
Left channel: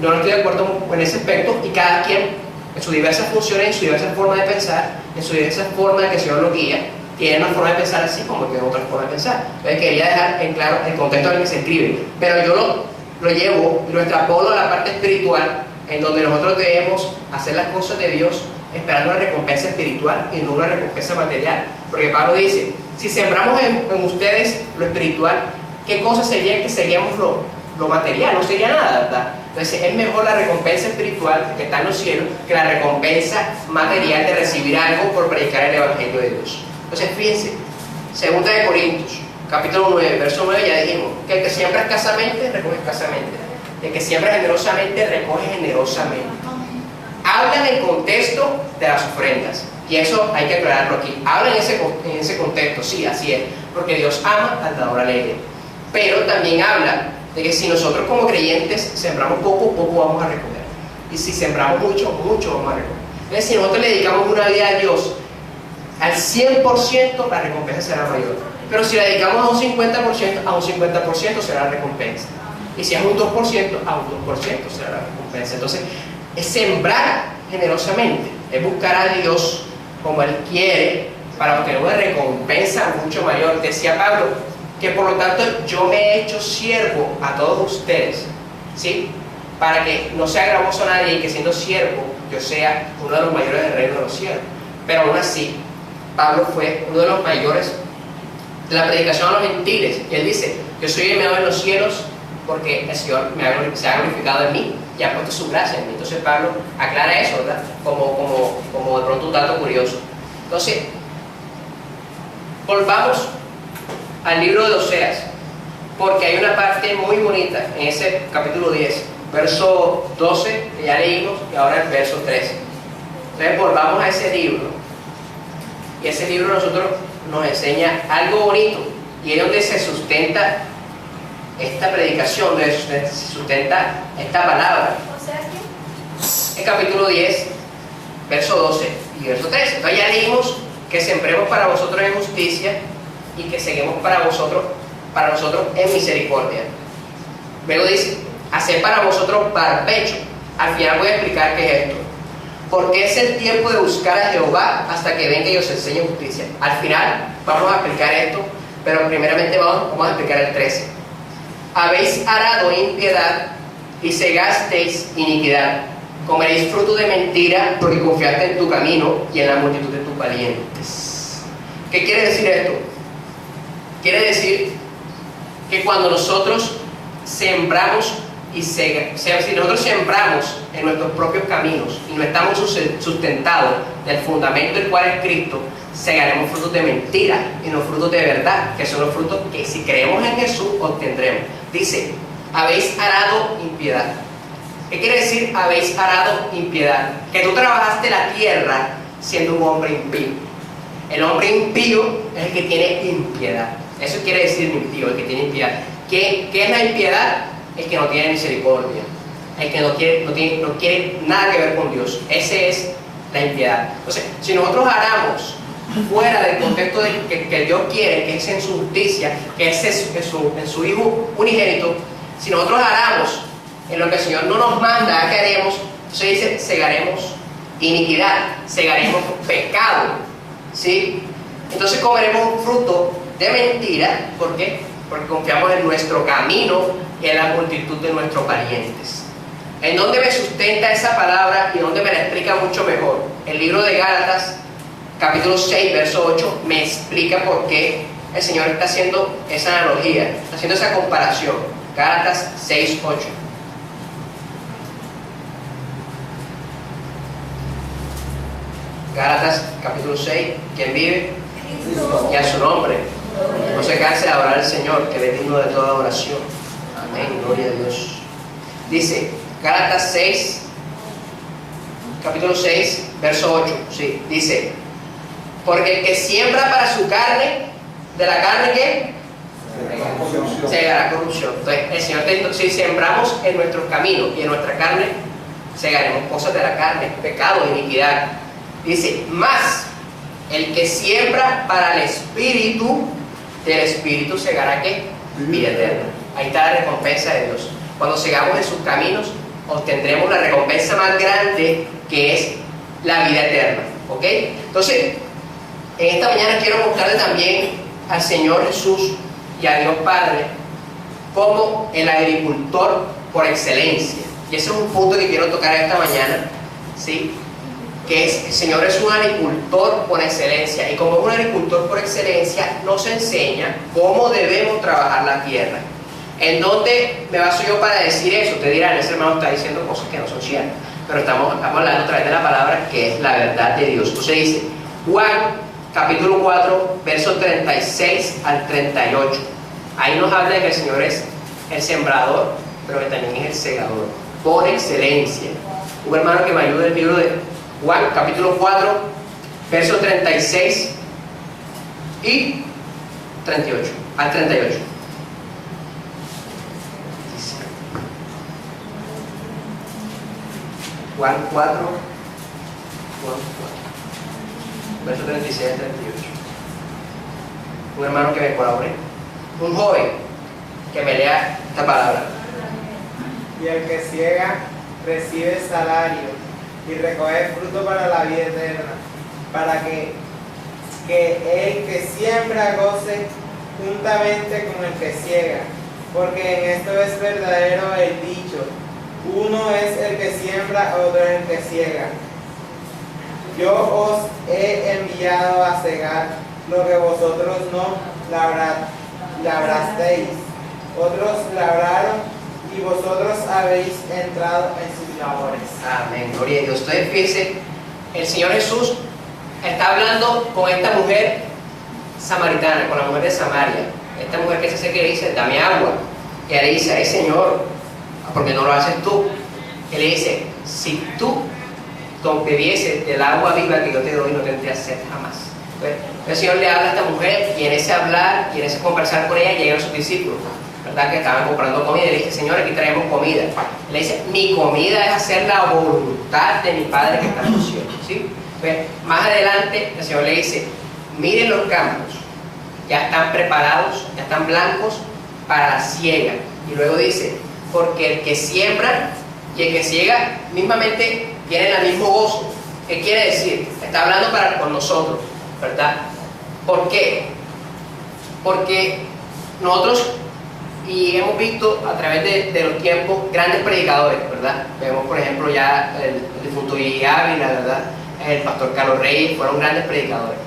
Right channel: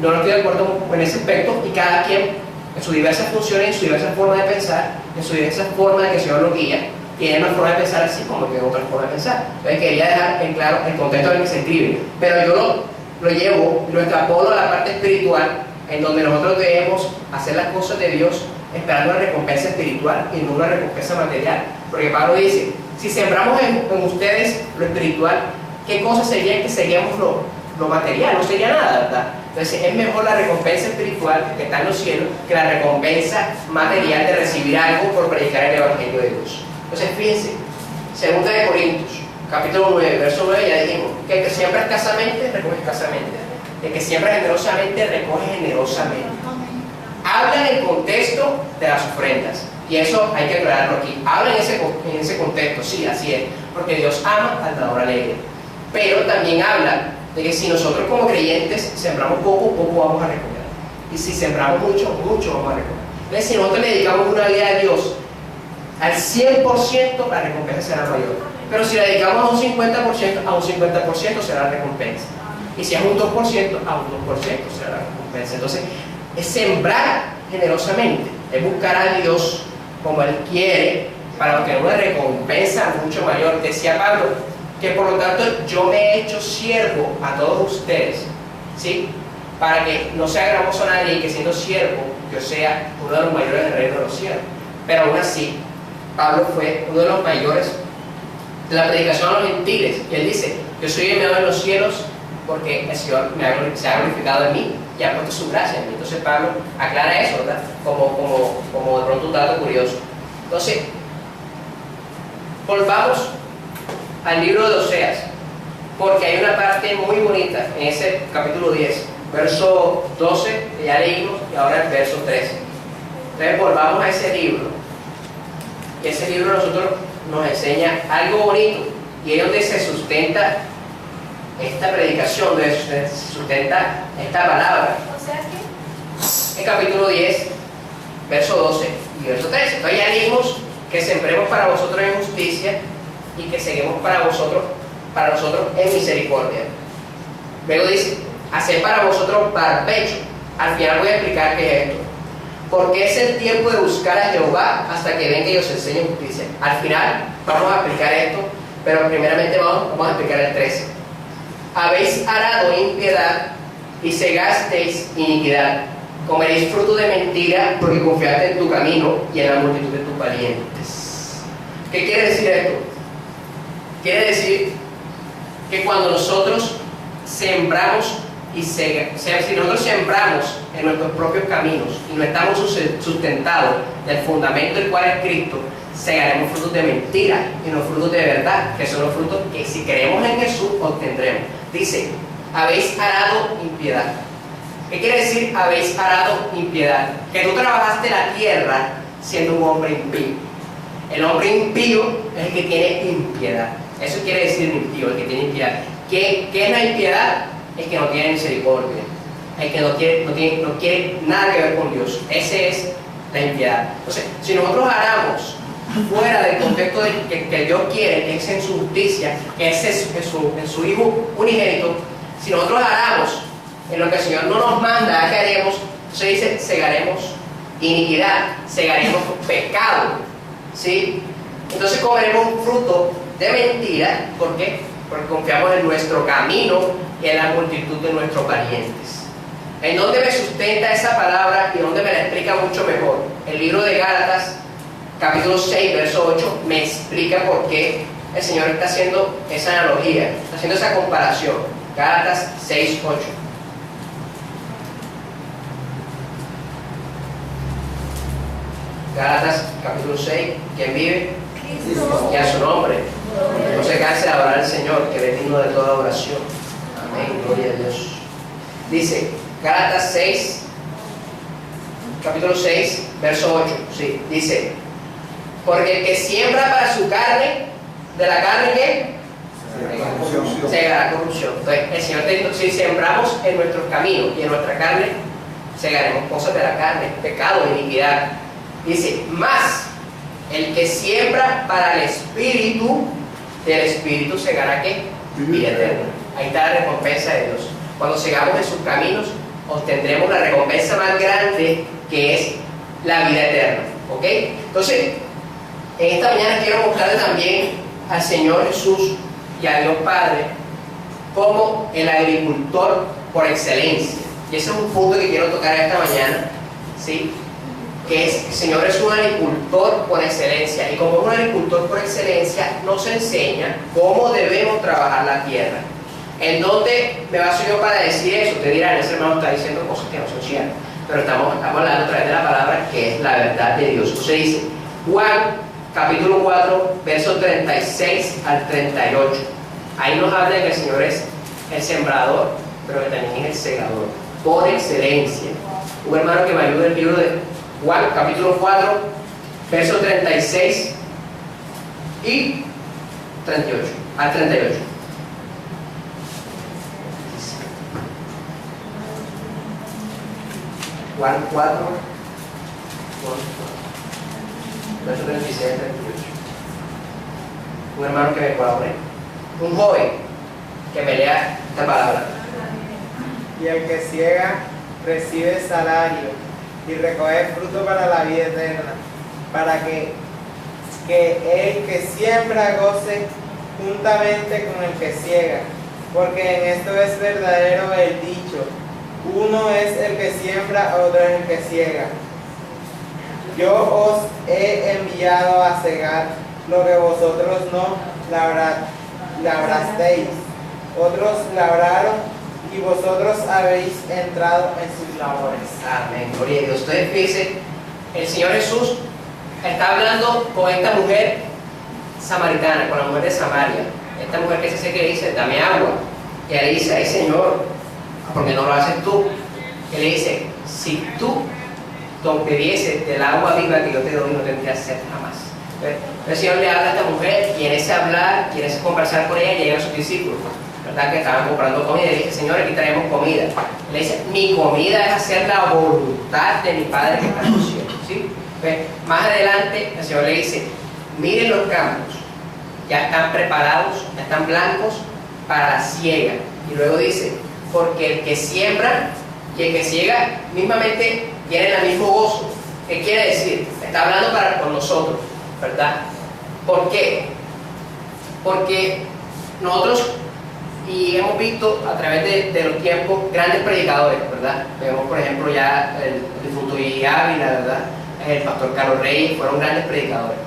yo no estoy de acuerdo en ese aspecto, y cada quien en sus diversas funciones, en su diversa forma de pensar, en su diversa forma de que el Señor lo guía, tiene una forma de pensar así como que otra forma de pensar. Entonces quería dejar en claro el contexto en el que se escribe, pero yo lo llevo y lo extrapolo a la parte espiritual, en donde nosotros debemos hacer las cosas de Dios esperando una recompensa espiritual y no una recompensa material. Porque Pablo dice, si sembramos en ustedes lo espiritual, ¿qué cosa sería que seguíamos lo material? No sería nada, ¿verdad? Entonces es mejor la recompensa espiritual que está en los cielos que la recompensa material de recibir algo por predicar el Evangelio de Dios. Entonces fíjense, 2 de Corintios, capítulo 9, verso 9, ya dijimos que el que siembra escasamente, recoge escasamente. El que siembra generosamente, recoge generosamente. Habla en el contexto de las ofrendas, y eso hay que aclararlo aquí. Habla en ese contexto, sí, así es, porque Dios ama al dador alegre. Pero también habla de que si nosotros como creyentes sembramos poco, poco vamos a recoger. Y si sembramos mucho, mucho vamos a recoger. Entonces, si nosotros le dedicamos una vida a Dios al 100%, la recompensa será mayor. Pero si le dedicamos a un 50%, a un 50% será la recompensa. Y si es un 2%, a un 2% será la recompensa. Entonces, es sembrar generosamente, es buscar a Dios como Él quiere para obtener una recompensa mucho mayor. Decía Pablo que por lo tanto yo me he hecho siervo a todos ustedes, ¿sí? Para que no sea gravoso a nadie y que siendo siervo yo sea uno de los mayores del reino de los cielos. Pero aún así, Pablo fue uno de los mayores de la predicación a los gentiles, y él dice, yo soy enviado en los cielos porque el Señor se ha glorificado en mí y ha puesto su gracia en mí. Entonces Pablo aclara eso, ¿verdad? Como de pronto un dato curioso. Entonces, volvamos al libro de Oseas, porque hay una parte muy bonita en ese capítulo 10, verso 12, que ya leímos, y ahora el verso 13. Entonces volvamos a ese libro, y ese libro nosotros nos enseña algo bonito, y es donde se sustenta esta predicación, donde se sustenta esta palabra. O sea que En capítulo 10, verso 12 y verso 13. Entonces ya leímos que sembremos para vosotros en justicia y que seguimos para nosotros en misericordia. Luego dice, haced para vosotros barbecho. Al final voy a explicar qué es esto. Porque es el tiempo de buscar a Jehová hasta que venga y os enseñe justicia. Al final vamos a explicar esto, pero primeramente vamos a explicar el 13. Habéis arado impiedad y segasteis iniquidad. Comeréis fruto de mentira porque confiaste en tu camino y en la multitud de tus valientes. ¿Qué quiere decir esto? Quiere decir que cuando nosotros sembramos si nosotros sembramos en nuestros propios caminos y no estamos sustentados del fundamento del cual es Cristo, segaremos frutos de mentira y no frutos de verdad, que son los frutos que si creemos en Jesús obtendremos. Dice, habéis arado impiedad. ¿Qué quiere decir habéis arado impiedad? Que tú trabajaste la tierra siendo un hombre impío. El hombre impío es el que tiene impiedad. Eso quiere decir impío, el que tiene impiedad. ¿Qué es la impiedad? El que no tiene misericordia, el que no quiere nada que ver con Dios. Ese es la impiedad. Entonces, si nosotros aramos fuera del contexto que Dios quiere, que es en su justicia, que es en su Hijo unigénito, si nosotros aramos en lo que el Señor no nos manda que haremos, entonces dice, segaremos iniquidad, segaremos pecado, ¿sí? Entonces comeremos un fruto de mentira. ¿Por qué? Porque confiamos en nuestro camino y en la multitud de nuestros parientes. ¿En dónde me sustenta esa palabra y dónde me la explica mucho mejor? El libro de Gálatas, capítulo 6, verso 8, me explica por qué el Señor está haciendo esa analogía, está haciendo esa comparación. Gálatas 6, 8. Gálatas, capítulo 6, ¿quién vive? y a su nombre. No se canse de adorar al Señor, que es digno de toda oración. Amén, gloria a Dios. Dice, Gálatas 6, capítulo 6, verso 8, sí, dice, porque el que siembra para su carne, de la carne ¿qué? Segará corrupción. Entonces, el Señor te dice, si sembramos en nuestros caminos y en nuestra carne, segaremos cosas de la carne, pecado, iniquidad. Dice, más el que siembra para el Espíritu, del Espíritu segará ¿qué? Vida eterna. Ahí está la recompensa de Dios. Cuando sigamos en sus caminos, obtendremos la recompensa más grande, que es la vida eterna. ¿Ok? Entonces, en esta mañana quiero mostrarle también al Señor Jesús y a Dios Padre como el agricultor por excelencia. Y ese es un punto que quiero tocar esta mañana, ¿sí? Que es, el Señor es un agricultor por excelencia, y como un agricultor por excelencia nos enseña cómo debemos trabajar la tierra. ¿En dónde me baso yo para decir eso? Usted dirá, ese hermano está diciendo cosas que no son ciertas, pero estamos hablando a través de la palabra, que es la verdad de Dios. Usted dice, Juan capítulo 4, versos 36 al 38. Ahí nos habla de que el Señor es el sembrador, pero que también es el segador, por excelencia. Un hermano que me ayude el libro de Juan capítulo 4, versos 36 y 38, al 38. Juan 4, versos 36 al 38. Un hermano que me colabore. Un joven que me lea esta palabra. Y el que ciega recibe salario y recoge fruto para la vida eterna, para que el que siembra goce juntamente con el que ciega, porque en esto es verdadero el dicho, uno es el que siembra, otro es el que ciega. Yo os he enviado a cegar lo que vosotros no labrasteis, otros labraron y vosotros habéis entrado en sus labores. Amén, gloria a Dios. Entonces fíjense, el Señor Jesús está hablando con esta mujer samaritana, con la mujer de Samaria. Esta mujer que se acerca y le dice, dame agua. Y ella le dice, ay Señor, ¿por qué no lo haces tú? Él le dice, si tú bebieses del agua viva que yo te doy, no tendrías sed jamás. Entonces, el Señor le habla a esta mujer, y en ese hablar, y en ese conversar con ella, llegan sus discípulos, ¿verdad? Que estaban comprando comida, y le dice, Señor, aquí traemos comida. Le dice, mi comida es hacer la voluntad de mi Padre que está en los cielos, ¿sí? Entonces, más adelante, el Señor le dice, miren los campos, ya están preparados, ya están blancos para la siega. Y luego dice, porque el que siembra y el que ciega mismamente tienen el mismo gozo. ¿Qué quiere decir? Está hablando con nosotros, ¿verdad? ¿Por qué? Porque nosotros, y hemos visto a través de los tiempos grandes predicadores, ¿verdad? Vemos por ejemplo ya el difunto Guille Ávila, ¿verdad? El pastor Carlos Reyes, fueron grandes predicadores.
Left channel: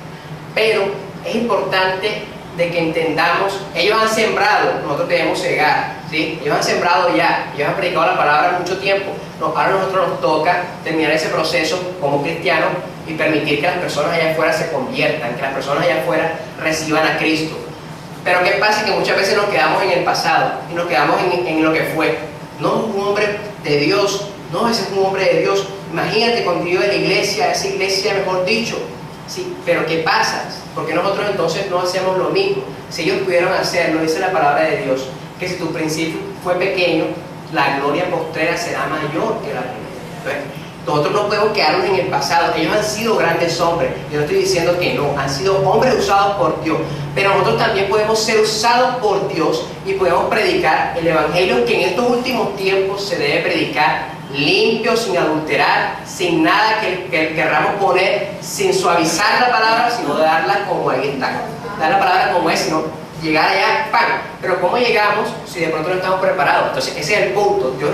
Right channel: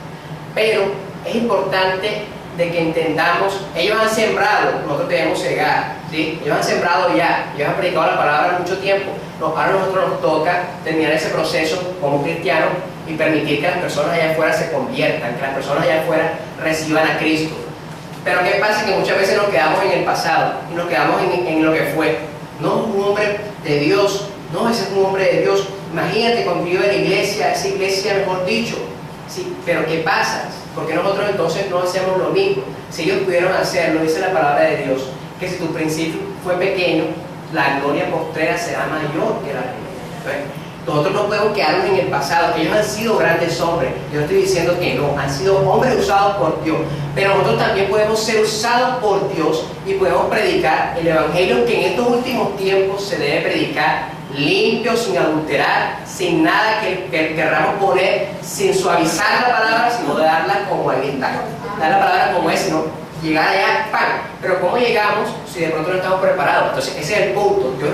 Pero es importante de que entendamos, ellos han sembrado, nosotros debemos cegar, ¿sí? Ellos han sembrado ya, ellos han predicado la palabra mucho tiempo. Ahora a nosotros nos toca terminar ese proceso como cristianos y permitir que las personas allá afuera se conviertan, que las personas allá afuera reciban a Cristo. Pero ¿qué pasa? Que muchas veces nos quedamos en el pasado y nos quedamos en lo que fue. No, un hombre de Dios, no, ese es un hombre de Dios. Imagínate cuando yo en la iglesia, esa iglesia mejor dicho. Sí, pero ¿qué pasa? Porque nosotros entonces no hacemos lo mismo. Si ellos pudieron hacerlo, dice la palabra de Dios, que si tu principio fue pequeño, la gloria postrera será mayor que la primera. Entonces, nosotros no podemos quedarnos en el pasado. Ellos han sido grandes hombres. Yo no estoy diciendo que no, han sido hombres usados por Dios. Pero nosotros también podemos ser usados por Dios y podemos predicar el evangelio que en estos últimos tiempos se debe predicar limpio, sin adulterar, sin nada que querramos poner, sin suavizar la palabra, sino de darla como ahí está. Dar la palabra como es, sino llegar allá, ¡pam! Pero ¿cómo llegamos si de pronto no estamos preparados? Entonces ese es el punto. Dios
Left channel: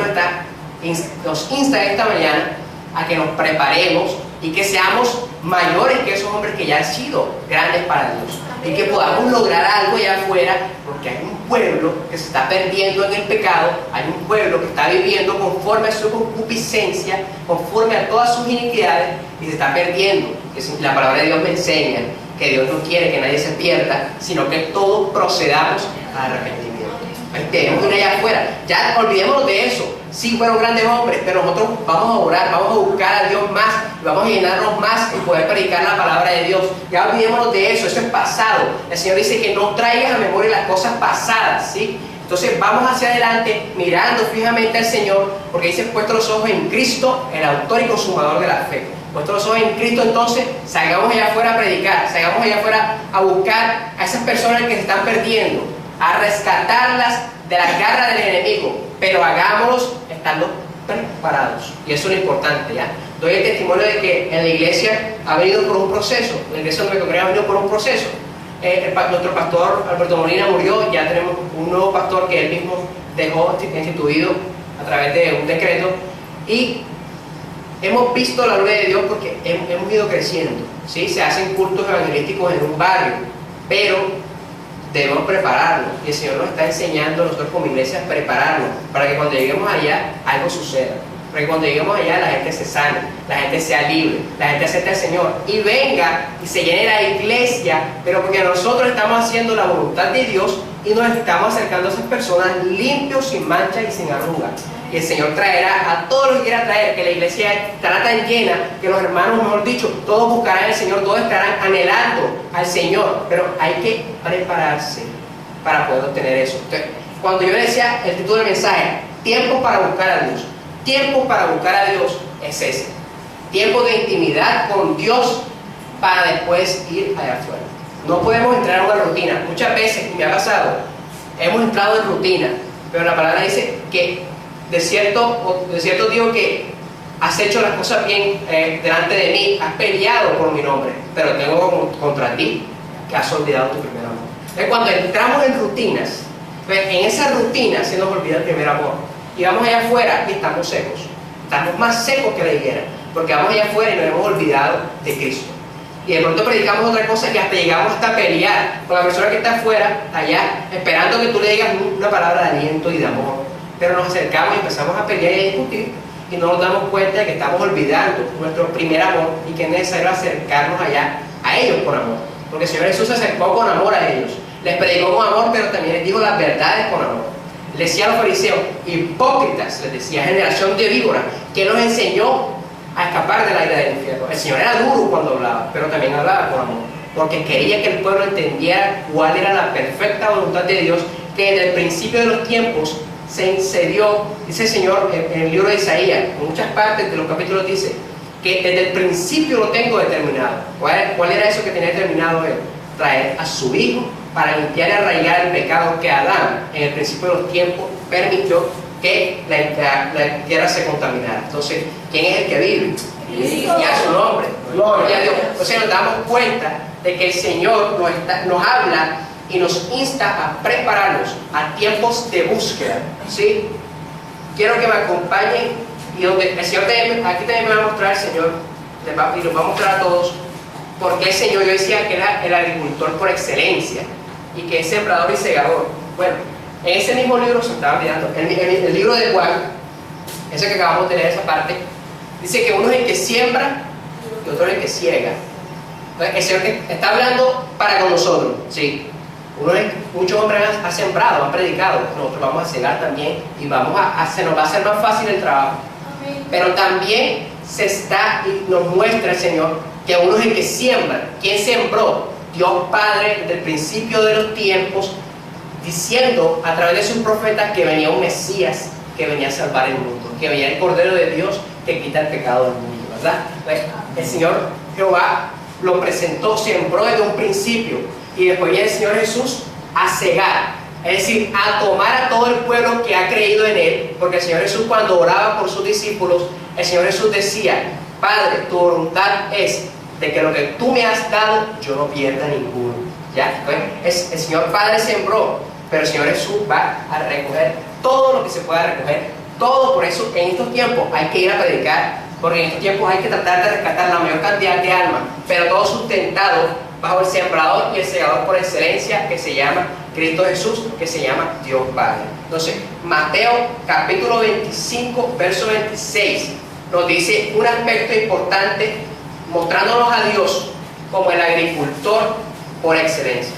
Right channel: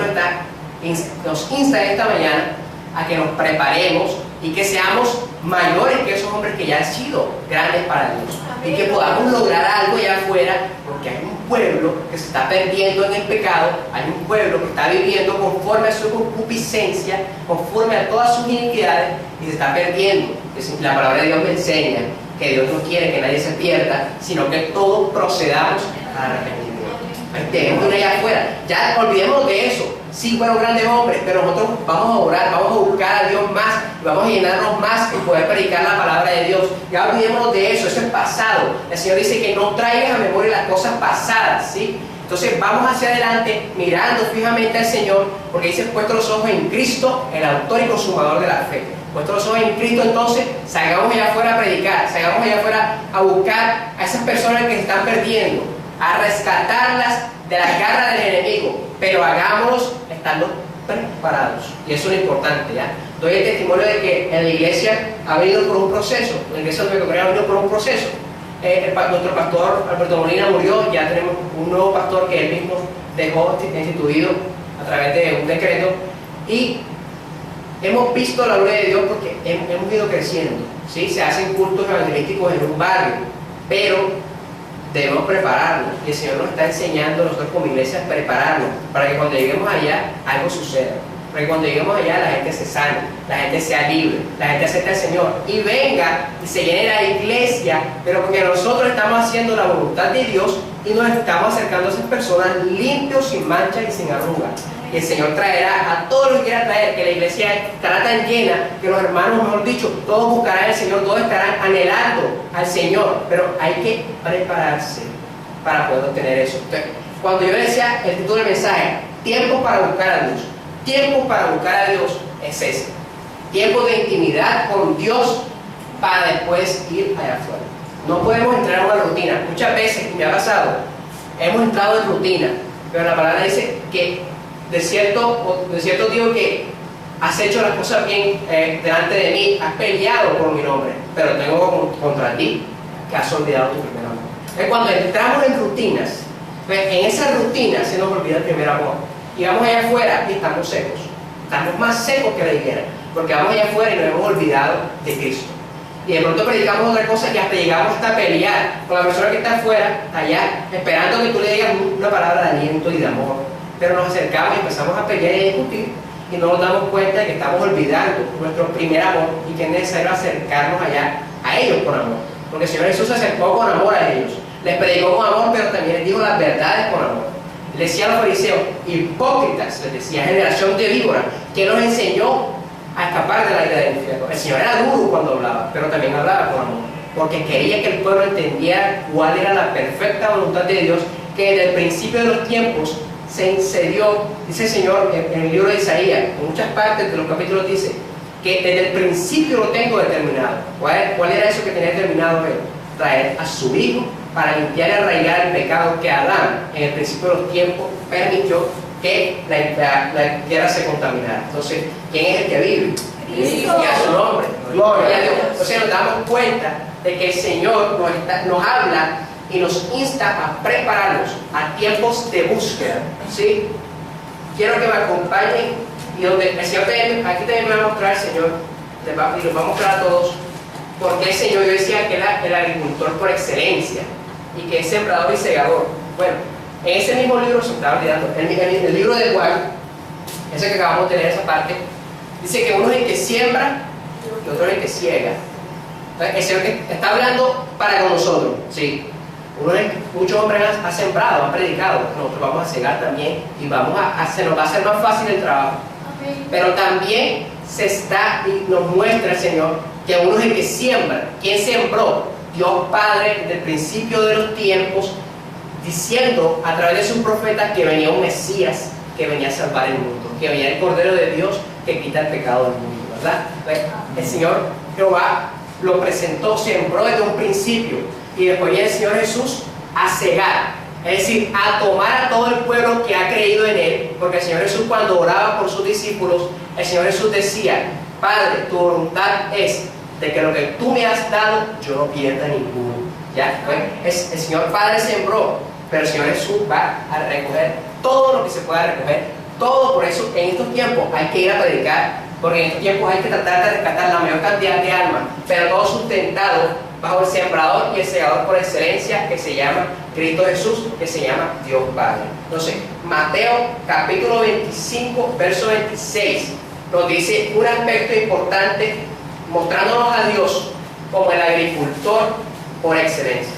nos insta esta mañana a que nos preparemos y que seamos mayores que esos hombres que ya han sido grandes para Dios. Y que podamos lograr algo allá afuera, porque hay un pueblo que se está perdiendo en el pecado, hay un pueblo que está viviendo conforme a su concupiscencia, conforme a todas sus iniquidades, y se está perdiendo. La palabra de Dios me enseña que Dios no quiere que nadie se pierda, sino que todos procedamos al arrepentimiento. Ahí tenemos que ir allá afuera. Ya olvidémonos de eso. Sí, fueron grandes hombres, pero nosotros vamos a orar, vamos a buscar a Dios más, y vamos a llenarnos más y poder predicar la palabra de Dios. Ya olvidémonos de eso, eso es pasado. El Señor dice que no traigas a memoria las cosas pasadas, ¿sí? Entonces vamos hacia adelante, mirando fijamente al Señor, porque dice, puesto los ojos en Cristo, el autor y consumador de la fe. Puesto los ojos en Cristo, entonces, salgamos allá afuera a predicar, salgamos allá afuera a buscar a esas personas que se están perdiendo, a rescatarlas de las garras del enemigo, pero hagámoslos estando preparados. Y eso es lo importante, ¿ya? Doy el testimonio de que en la iglesia ha venido por un proceso, la iglesia donde me congregué ha venido por un proceso. Nuestro pastor Alberto Molina murió, ya tenemos un nuevo pastor que él mismo dejó instituido a través de un decreto, y hemos visto la gloria de Dios porque hemos ido creciendo, ¿sí? Se hacen cultos evangelísticos en un barrio, pero debemos prepararnos, y el Señor nos está enseñando a nosotros como iglesia a prepararnos para que cuando lleguemos allá algo suceda, para que cuando lleguemos allá la gente se sane, la gente sea libre, la gente acepte al Señor y venga y se llene la iglesia, pero porque nosotros estamos haciendo la voluntad de Dios y nos estamos acercando a esas personas limpios, sin mancha y sin arruga. Y el Señor traerá a todos los que quiera traer, que la iglesia estará tan llena, que los hermanos, mejor dicho, todos buscarán al Señor, todos estarán anhelando al Señor, pero hay que prepararse para poder obtener eso. Entonces, cuando yo decía el título del mensaje, tiempo para buscar a Dios, tiempo para buscar a Dios es ese, tiempo de intimidad con Dios para después ir allá afuera. No podemos entrar en una rutina. Muchas veces, me ha pasado, hemos entrado en rutina, pero la palabra dice que de cierto digo que has hecho las cosas bien delante de mí, has peleado por mi nombre, pero tengo contra ti que has olvidado tu primer amor. Entonces, cuando entramos en rutinas, pues en esa rutina se nos olvida el primer amor, y vamos allá afuera y estamos secos, estamos más secos que la higuera, porque vamos allá afuera y nos hemos olvidado de Cristo, y de pronto predicamos otra cosa que hasta llegamos hasta pelear con la persona que está afuera, allá, esperando que tú le digas una palabra de aliento y de amor. Pero nos acercamos y empezamos a pelear y a discutir, y no nos damos cuenta de que estamos olvidando nuestro primer amor y que es necesario acercarnos allá a ellos con amor, porque el Señor Jesús se acercó con amor a ellos, les predicó con amor, pero también les dijo las verdades con amor. Les decía a los fariseos, hipócritas, les decía, generación de víboras, que los enseñó a escapar de la ira del infierno. El Señor era duro cuando hablaba, pero también hablaba con amor, porque quería que el pueblo entendiera cuál era la perfecta voluntad de Dios, que desde el principio de los tiempos se dio, dice el Señor en el libro de Isaías, en muchas partes de los capítulos dice que desde el principio lo tengo determinado. ¿Cuál era eso que tenía determinado él? Traer a su Hijo para limpiar y arraigar el pecado que Adán en el principio de los tiempos permitió que la tierra se contaminara. Entonces, ¿quién es el que vive? Y a su nombre. Gloria a Dios. Entonces nos damos cuenta de que el Señor nos habla y nos insta a prepararnos a tiempos de búsqueda, ¿sí? Quiero que me acompañen, y donde el Señor aquí también me va a mostrar el Señor, y nos va a mostrar a todos, porque el Señor, yo decía que era el agricultor por excelencia, y que es sembrador y segador. Bueno, en ese mismo libro, se estaba olvidando, el libro de Juan, ese que acabamos de leer esa parte, dice que uno es el que siembra y otro es el que ciega. Entonces, el Señor está hablando para con nosotros, ¿sí? Muchos hombres han sembrado, han predicado, nosotros vamos a cegar también y se nos va a hacer más fácil el trabajo. Amén. Pero también y nos muestra el Señor que uno es el que siembra. ¿Quién sembró? Dios Padre desde el principio de los tiempos, diciendo a través de sus profetas que venía un Mesías que venía a salvar el mundo, que venía el Cordero de Dios que quita el pecado del mundo, ¿verdad? Pues, el Señor Jehová lo presentó, sembró desde un principio. Y después viene el Señor Jesús a cegar, es decir, a tomar a todo el pueblo que ha creído en Él, porque el Señor Jesús, cuando oraba por sus discípulos, el Señor Jesús decía: Padre, tu voluntad es de que lo que tú me has dado, yo no pierda ninguno. ¿Ya? El Señor Padre sembró, pero el Señor Jesús va a recoger todo lo que se pueda recoger, todo. Por eso en estos tiempos hay que ir a predicar, porque en estos tiempos hay que tratar de rescatar la mayor cantidad de almas, pero todo sustentado bajo el sembrador y el segador por excelencia, que se llama Cristo Jesús, que se llama Dios Padre. Entonces, Mateo capítulo 25, verso 26, nos dice un aspecto importante, mostrándonos a Dios como el agricultor por excelencia.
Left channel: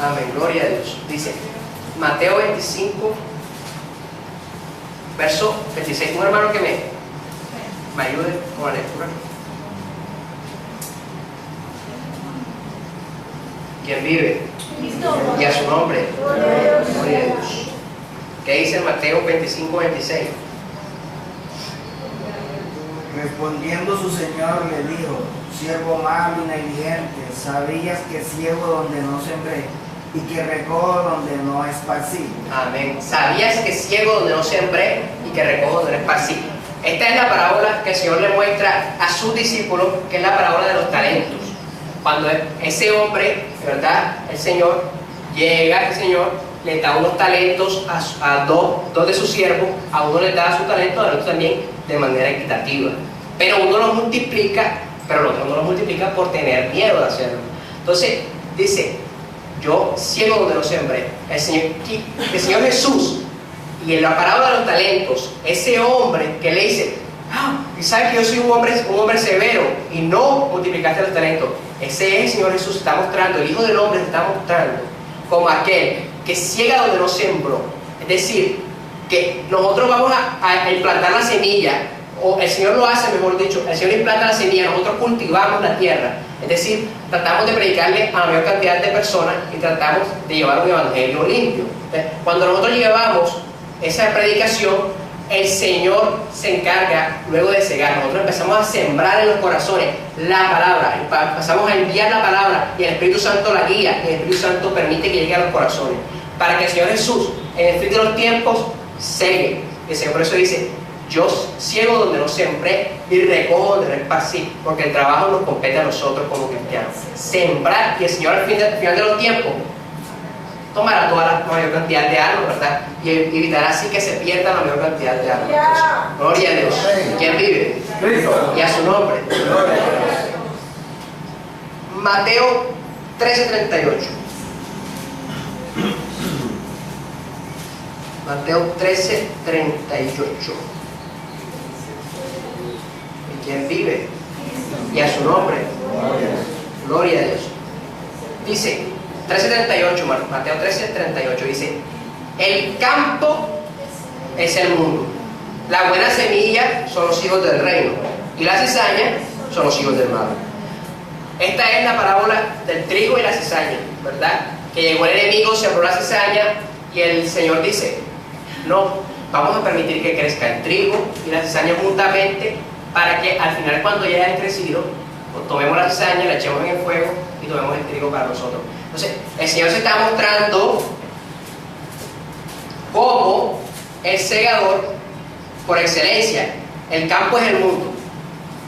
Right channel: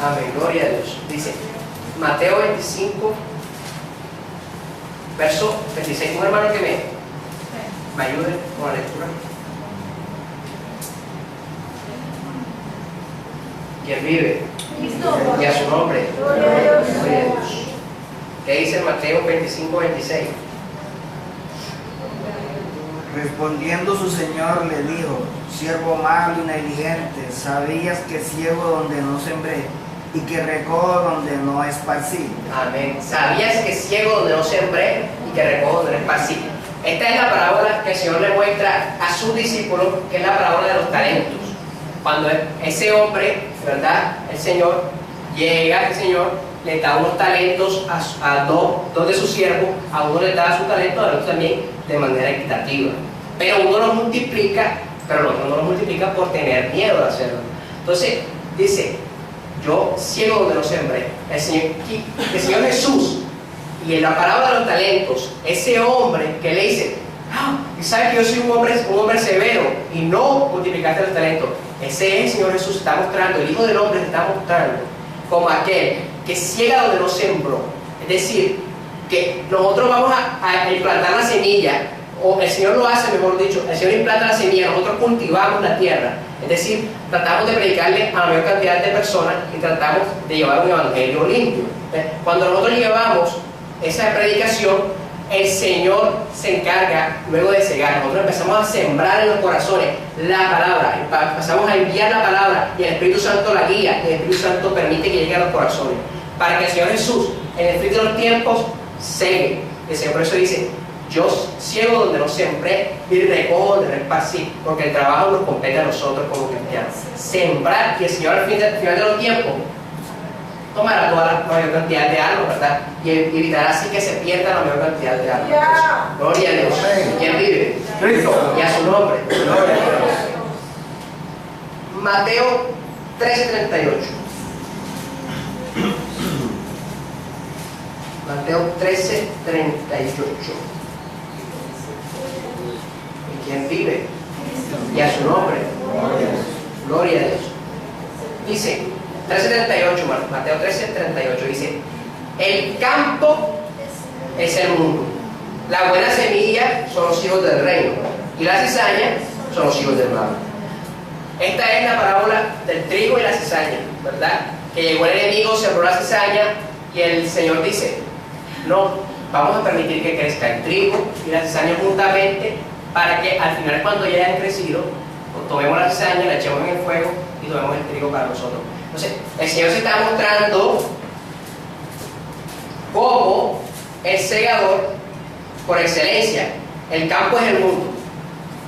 Amén, gloria a Dios. Dice Mateo 25, verso 26. Un hermano que me ayude con la lectura. ¿Quién vive? Y a su nombre. Gloria a Dios. ¿Qué dice Mateo 25, 26? Respondiendo su señor le dijo: siervo malo y negligente, ¿sabías que ciego donde no sembré y que recojo donde no esparcí? Amén. ¿Sabías que ciego donde no sembré y que recojo donde no esparcí? Esta es la parábola que el Señor le muestra a sus discípulos, que es la parábola de los talentos. Cuando ese hombre, ¿verdad? El Señor llega, el Señor le da unos talentos a dos de sus siervos, a uno le da su talento, al otro también de manera equitativa. Pero uno los multiplica, pero el otro no los multiplica por tener miedo de hacerlo. Entonces, dice: yo ciego donde no sembré. El Señor Jesús, y en la parábola de los talentos, ese hombre que le dice: y sabes que yo soy un hombre severo y no multiplicaste los talentos. Ese es el Señor Jesús, está mostrando, el Hijo del Hombre se está mostrando como aquel que ciega donde no sembró. Es decir, que nosotros vamos a implantar la semilla, o el Señor lo hace, mejor dicho, el Señor implanta la semilla, nosotros cultivamos la tierra. Es decir, tratamos de predicarle a la mayor cantidad de personas y tratamos de llevar un evangelio limpio. Cuando nosotros llevamos esa predicación, el Señor se encarga luego de cegar. Nosotros empezamos a sembrar en los corazones la palabra, empezamos a enviar la palabra y el Espíritu Santo la guía, y el Espíritu Santo permite que llegue a los corazones para que el Señor Jesús en el fin de los tiempos cegue. El Señor por eso dice: yo ciego donde no sembré y recojo donde no esparcí, porque el trabajo nos compete a nosotros como cristianos. Sembrar, y el Señor al final de los tiempos tomará toda la mayor cantidad de almas, ¿verdad? Y evitará así que se pierda la mayor cantidad de almas. Gloria a Dios. ¿Quién vive? Cristo. Y a su nombre. Mateo 13:38. Mateo 13:38. ¿Y quién vive? Y a su nombre. Gloria a Dios. Dice 13:38, Mateo 13:38 dice: el campo es el mundo, la buena semilla son los hijos del reino y la cizaña son los hijos del mal. Esta es la parábola del trigo y la cizaña, ¿verdad? Que llegó el enemigo, sembró la cizaña y el Señor dice: no, vamos a permitir que crezca el trigo y la cizaña juntamente, para que al final, cuando ya hayan crecido, pues tomemos la cizaña, la echemos en el fuego y tomemos el trigo para nosotros. Entonces, el Señor se está mostrando como el segador por excelencia. El campo es el mundo,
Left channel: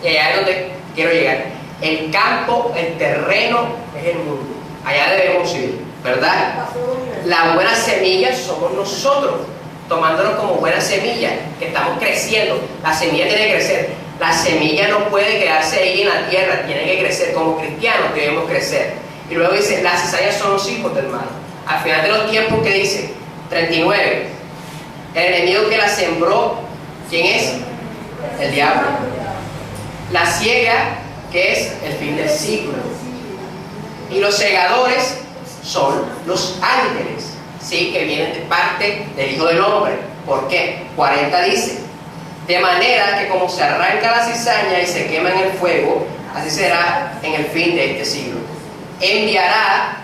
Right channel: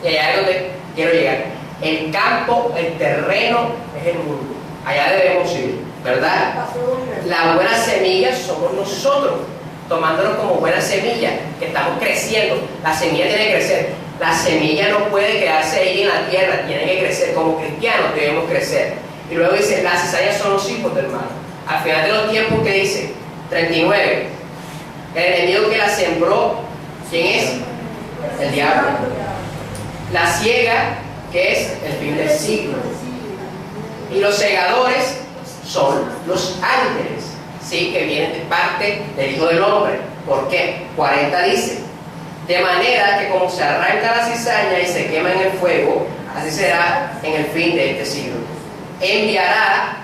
y allá es donde quiero llegar. El campo, el terreno es el mundo. Allá debemos ir, ¿verdad? La buena semilla somos nosotros, tomándonos como buena semilla, que estamos creciendo. La semilla tiene que crecer. La semilla no puede quedarse ahí en la tierra, tiene que crecer. Como cristianos debemos crecer. Y luego dice: las cizañas son los hijos del mal. Al final de los tiempos, ¿qué dice? 39. El enemigo que la sembró, ¿quién es? El diablo. La ciega, que es el fin del siglo. Y los segadores son los ángeles, ¿sí? Que vienen de parte del Hijo del Hombre. ¿Por qué? 40 dice: de manera que como se arranca la cizaña y se quema en el fuego, así será en el fin de este siglo. Enviará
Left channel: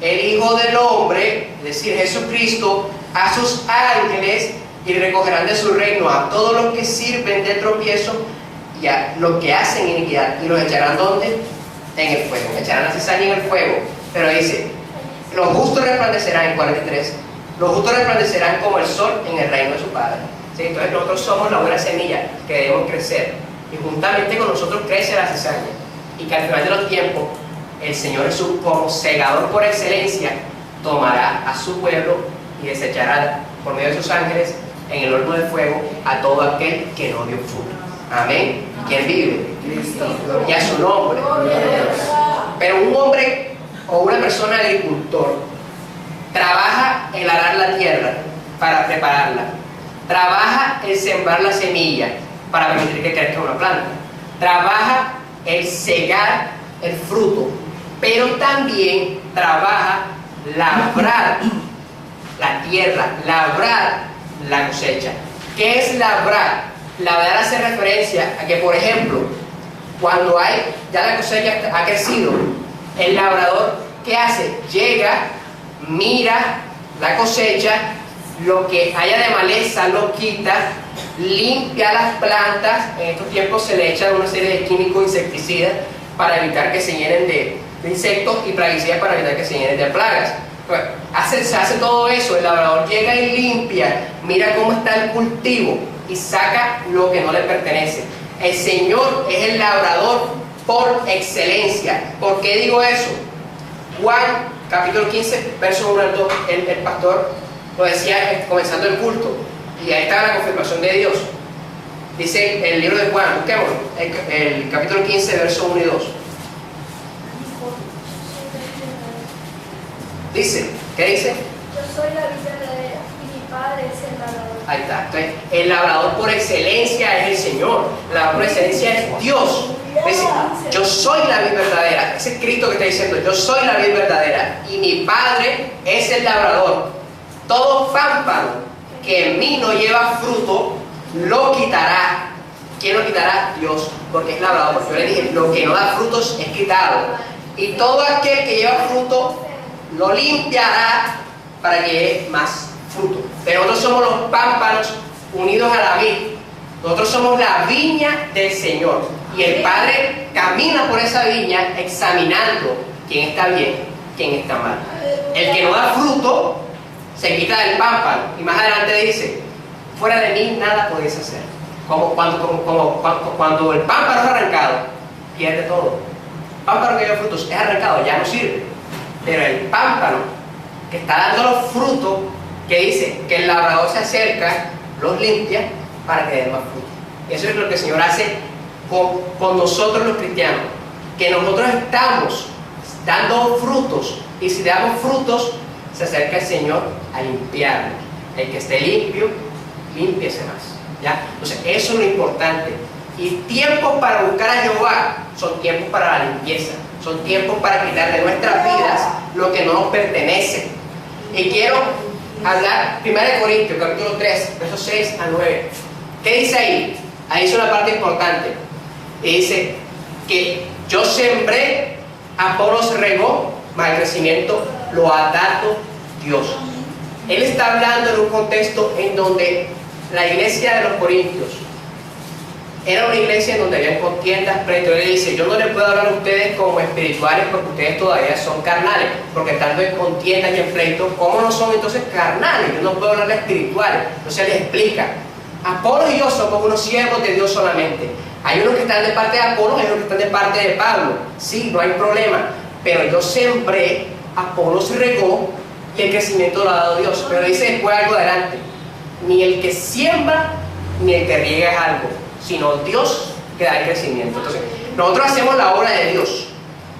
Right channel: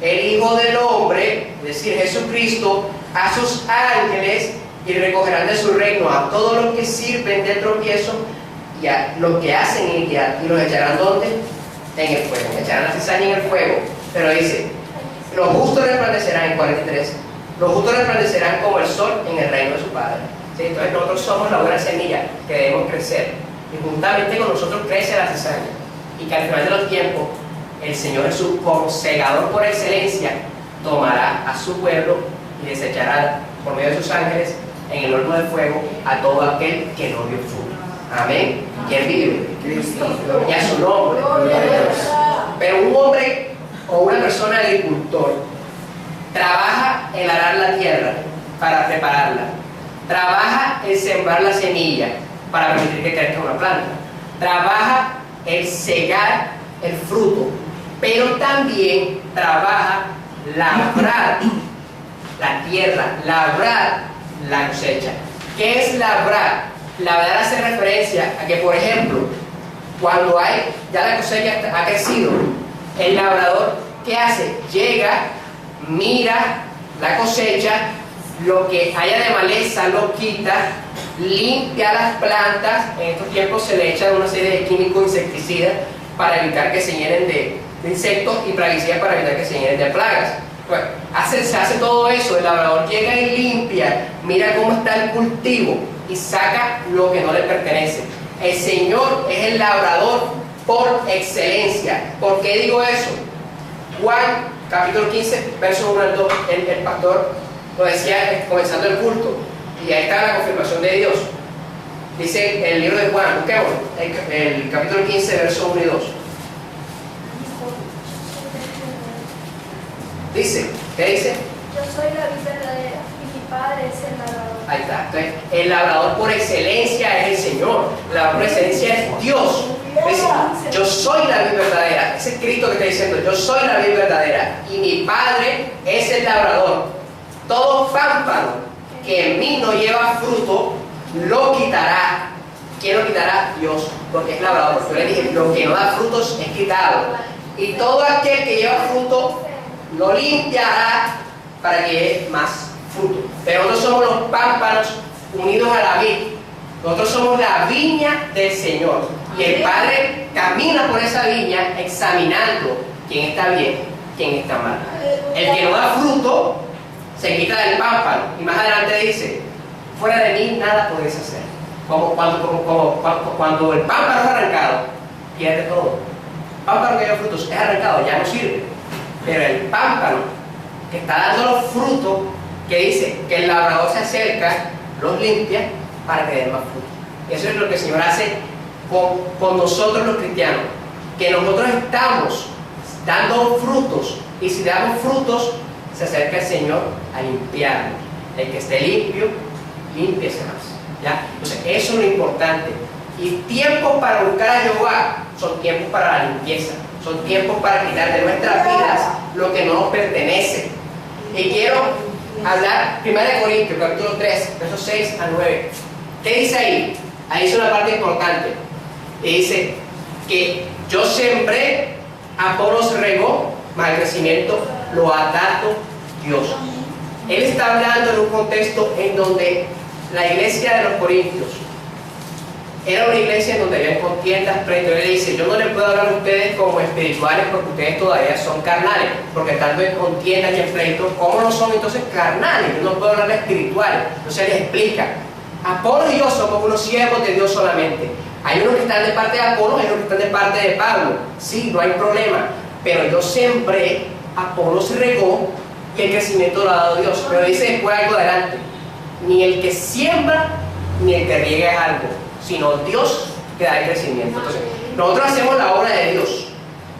el Hijo del Hombre, es decir, Jesucristo, a sus ángeles, y recogerán de su reino a todos los que sirven de tropiezo y a los que hacen iniquidad, y los echarán ¿dónde? En el fuego. Echarán la cizaña en el fuego. Pero dice: los justos resplandecerán, en 43, los justos resplandecerán como el sol en el reino de su Padre. ¿Sí? Entonces nosotros somos la buena semilla que debemos crecer, y juntamente con nosotros crece la cizaña, y que al final de los tiempos el Señor Jesús, como segador por excelencia, tomará a su pueblo y desechará por medio de sus ángeles en el horno de fuego a todo aquel que no dio fruto. Amén. ¿Quién vive? Cristo. Y a su nombre. Pero un hombre o una persona agricultor trabaja en arar la tierra para prepararla, trabaja en sembrar la semilla para permitir que crezca una planta, trabaja el cegar el fruto, pero también trabaja labrar la tierra, labrar la cosecha. ¿Qué es labrar? Labrar hace referencia a que, por ejemplo, cuando ya la cosecha ha crecido, el labrador, ¿qué hace? Llega, mira la cosecha, lo que haya de maleza lo quita, limpia las plantas. En estos tiempos se le echan una serie de químicos insecticidas para evitar que se llenen de insectos y plaguicidas para evitar que se llenen de plagas. Bueno, se hace todo eso, el labrador llega y limpia, mira cómo está el cultivo y saca lo que no le pertenece. El Señor es el labrador por excelencia. ¿Por qué digo eso? Juan capítulo 15, verso 1 al 2, el pastor lo decía comenzando el culto, y ahí está la confirmación de Dios. Dice el libro de Juan, busquémoslo, el capítulo 15, verso 1 y 2. Dice, ¿qué dice? Yo soy la vid verdadera y mi padre es el labrador. Ahí está. Entonces, el labrador por excelencia es el Señor. El labrador por excelencia es Dios. Dice, yo soy la vid verdadera. Ese es Cristo que está diciendo, yo soy la vid verdadera y mi padre es el labrador. Todo pámpano que en mí no lleva fruto, lo quitará. ¿Quién lo quitará? Dios, porque es labrador. Yo le dije, lo que no da frutos es quitado. Y todo aquel que lleva fruto, lo limpiará para que dé más fruto. Pero nosotros somos los pámpanos unidos a la vid. Nosotros somos la viña del Señor. Y el Padre camina por esa viña examinando quién está bien, quién está mal. El que no da fruto se quita del pámpano. Y más adelante dice, fuera de mí nada podéis hacer. Como cuando el pámpano es arrancado, pierde todo. El pámpano que lleva frutos es arrancado, ya no sirve. Pero el pámpano que está dando los frutos, que dice que el labrador se acerca, los limpia para que den más frutos. Y eso es lo que el Señor hace con nosotros los cristianos, que nosotros estamos dando frutos, y si damos frutos, se acerca el Señor a limpiarnos. El que esté limpio, límpiese más. ¿Ya? Entonces, eso es lo importante. Y tiempos para buscar a Jehová son tiempos para la limpieza. Son tiempos para quitar de nuestras vidas lo que no nos pertenece. Y quiero hablar 1 Corintios, capítulo 3, versos 6 a 9. ¿Qué dice ahí? Ahí es una parte importante. Y dice que yo sembré, Apolos regó, mas el crecimiento lo ha dado Dios. Él está hablando en un contexto en donde la iglesia de los Corintios era una iglesia en donde había contiendas, pleitos. Él dice, yo no les puedo hablar a ustedes como espirituales porque ustedes todavía son carnales, porque estando en contiendas y en pleitos, ¿cómo no son entonces carnales? Yo no puedo hablar de espirituales. Entonces les explica, Apolo y yo somos unos siervos de Dios solamente. Hay unos que están de parte de Apolo, hay unos que están de parte de Pablo. Sí, no hay problema, pero yo sembré, Apolo se regó y el crecimiento lo ha dado Dios. Pero dice después algo adelante, ni el que siembra ni el que riega es algo, sino Dios que da el crecimiento. Entonces, nosotros hacemos la obra de Dios,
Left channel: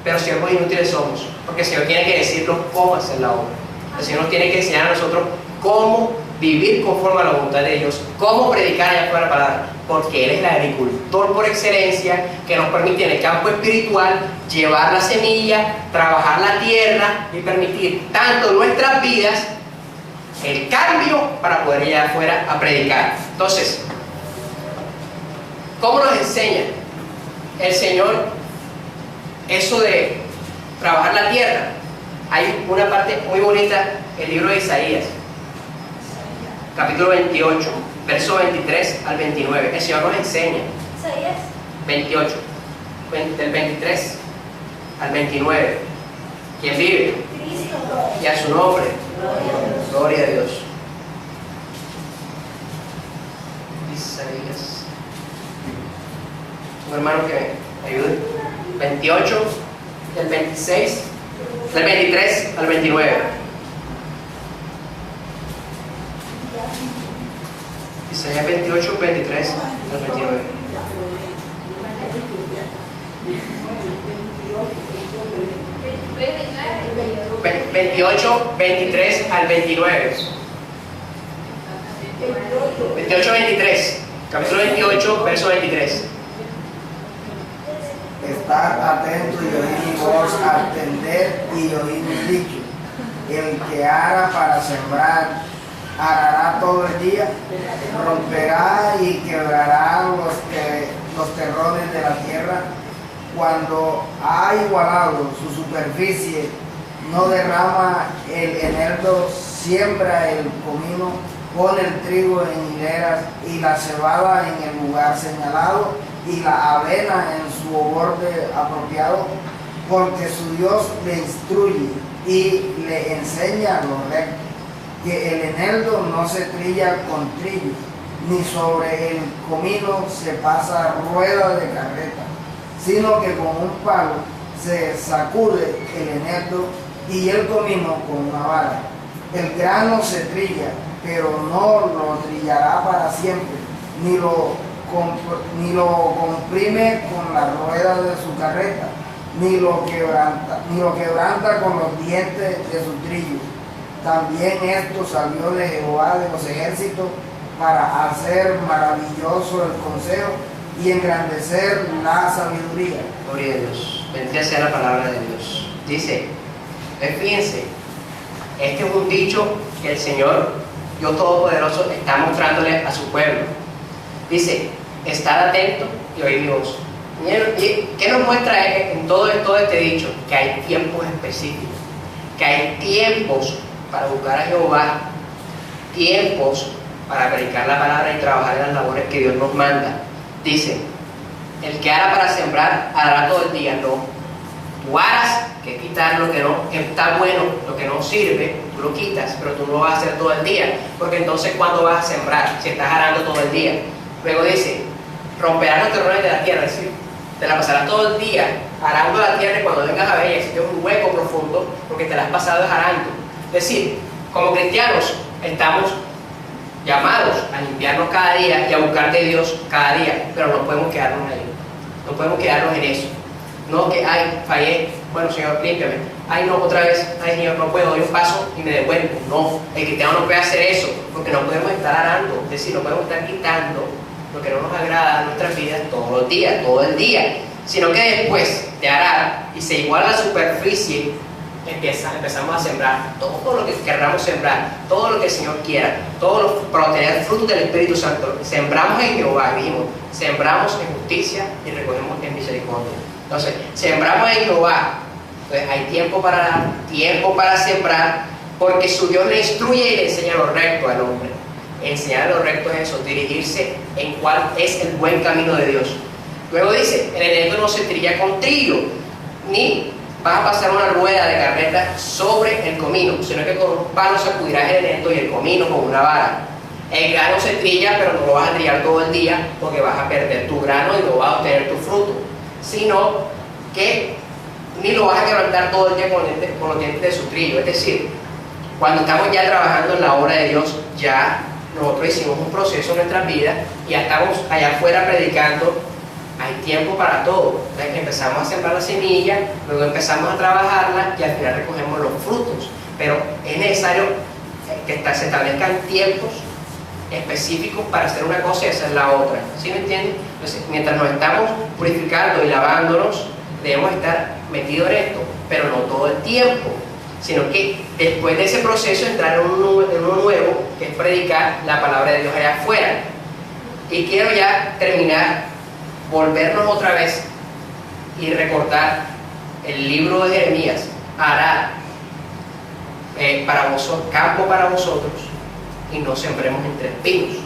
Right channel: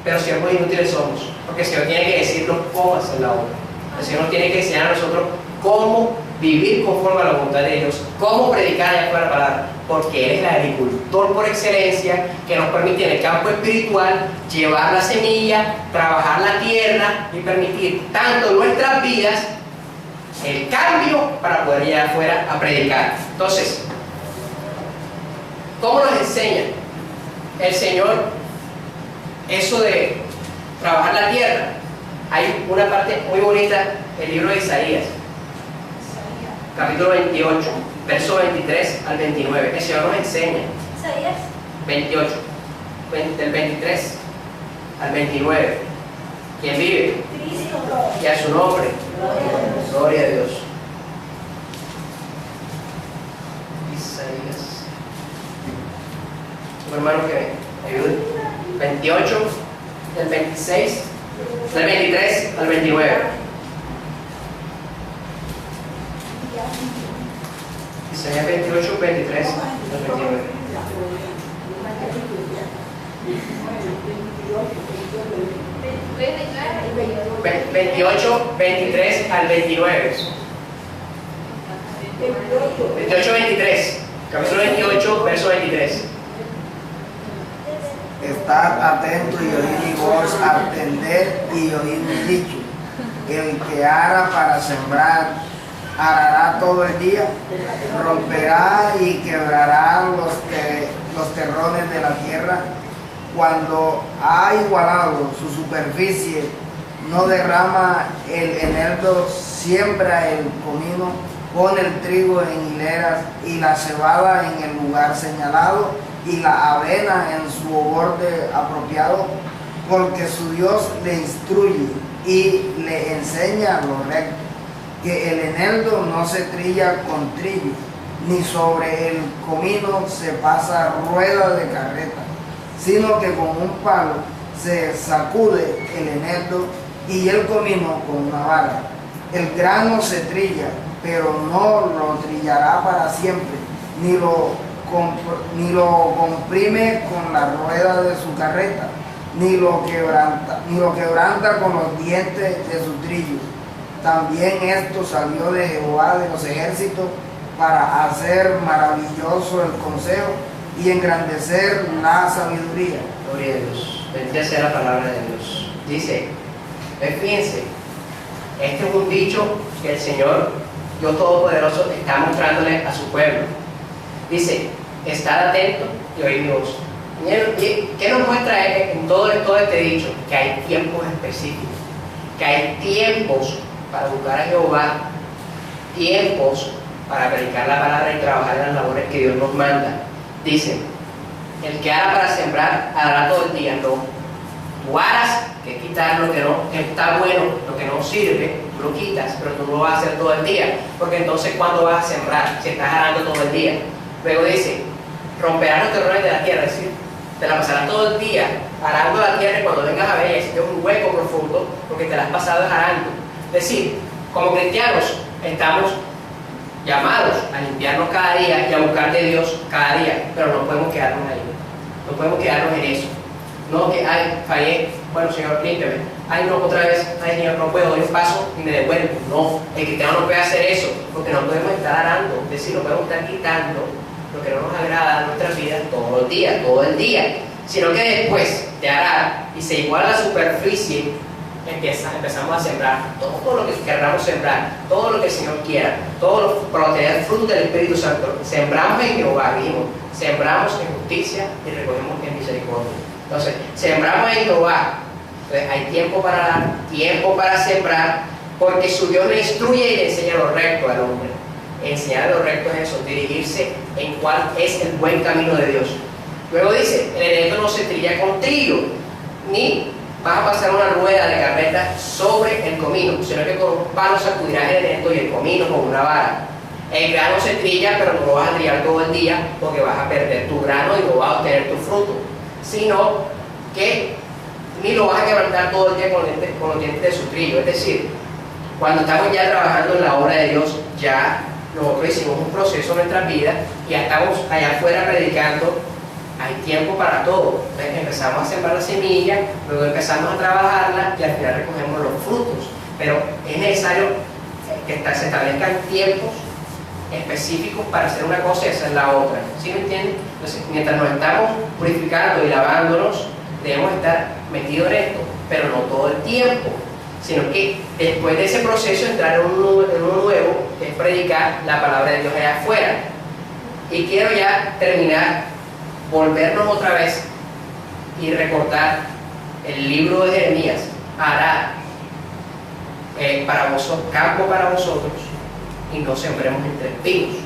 pero siervos inútiles somos, porque el Señor tiene que decirnos cómo hacer la obra. El Señor nos tiene que enseñar a nosotros cómo vivir conforme a la voluntad de Dios, cómo predicar allá afuera la palabra, porque Él es el agricultor por excelencia, que nos permite en el campo espiritual llevar la semilla, trabajar la tierra y permitir tanto en nuestras vidas el cambio para poder ir afuera a predicar. Entonces, ¿cómo nos enseña el Señor eso de trabajar la tierra? Hay una parte muy bonita en el libro de Isaías, capítulo 28, verso 23 al 29. El Señor nos enseña. Isaías 28, del 23 al 29. ¿Quién vive? Cristo. Y a su nombre. Gloria a Dios. Isaías. Un hermano que me ayude. 28, del 26, del 23 al 29. Isaías 28, 23 al 29. 28, 23 al 29. 28, 23. Capítulo 28, verso 23. atento y oír mi voz, atender y oír mi dicho. El que ara para sembrar, arará todo el día, romperá y quebrará los terrones de la tierra. Cuando ha igualado su superficie, no derrama el eneldo, siembra el comino, pone el trigo en hileras y la cebada en el lugar señalado y la avena en su borde apropiado, porque su Dios le instruye y le enseña lo recto, que el eneldo no se trilla con trillo, ni sobre el comino se pasa rueda de carreta, sino que con un palo se sacude el eneldo y el comino con una vara. El grano se trilla, pero no lo trillará para siempre, ni lo comprime con la rueda de su carreta, ni lo quebranta con los dientes de su trillo. También esto salió de Jehová de los ejércitos para hacer maravilloso el consejo y engrandecer la sabiduría. Gloria a Dios. Bendita sea la palabra de Dios. Dice, fíjense, este es un dicho que el Señor, Dios Todopoderoso, está mostrándole a su pueblo. Dice, estad atento y oíd mi voz. ¿Qué nos muestra en todo este dicho? Que hay tiempos específicos, que hay tiempos para buscar a Jehová, tiempos para predicar la palabra y trabajar en las labores que Dios nos manda. Dice, el que ara para sembrar, hará todo el día. No, tú aras, que es quitar lo que no está bueno, lo que no sirve, tú lo quitas, pero tú no lo vas a hacer todo el día, porque entonces ¿cuándo vas a sembrar? Si estás arando todo el día. Luego dice, romperás los terrones de la tierra, es decir, te la pasarás todo el día arando la tierra y cuando vengas a ver existe un hueco profundo porque te la has pasado arando. Es decir, como cristianos estamos llamados a limpiarnos cada día y a buscar de Dios cada día, pero no podemos quedarnos ahí, no podemos quedarnos en eso. No que, ay, fallé, bueno Señor, límpiame, ay no, otra vez, ay Señor, no puedo, doy un paso y me devuelvo. No, el cristiano no puede hacer eso, porque no podemos estar arando, es decir, no podemos estar quitando lo que no nos agrada en nuestras vidas todos los días, todo el día, sino que después de arar y se iguala la superficie, empezamos a sembrar todo lo que queramos sembrar, todo lo que el Señor quiera, para obtener frutos del Espíritu Santo. Sembramos en Jehová, vimos, sembramos en justicia y recogemos en misericordia. Entonces, sembramos en Jehová. Entonces, hay tiempo para dar, tiempo para sembrar, porque su Dios le instruye y le enseña lo recto al hombre. Enseñar lo recto es eso, dirigirse en cuál es el buen camino de Dios. Luego dice, el eneldo no se trilla con trillo, ni vas a pasar una rueda de carreta sobre el comino, sino que con un palo sacudirás el eneldo y el comino con una vara. El grano se trilla, pero no lo vas a trillar todo el día, porque vas a perder tu grano y no vas a obtener tu fruto, sino que ni lo vas a quebrantar todo el día con los dientes de su trillo. Es decir, cuando estamos ya trabajando en la obra de Dios, ya nosotros hicimos un proceso en nuestras vidas y ya estamos allá afuera predicando. Hay tiempo para todo. Entonces empezamos a sembrar la semilla, luego empezamos a trabajarla y al final recogemos los frutos. Pero es necesario que se establezcan tiempos específicos para hacer una cosa y hacer la otra. ¿Sí me entienden? Entonces, mientras nos estamos purificando y lavándonos, debemos estar metidos en esto, pero no todo el tiempo, sino que después de ese proceso entrar en uno nuevo, que es predicar la palabra de Dios allá afuera. Y quiero ya terminar, volvernos otra vez y recordar el libro de Jeremías. Hará para vosotros, campo para vosotros, y no sembremos entre espinos.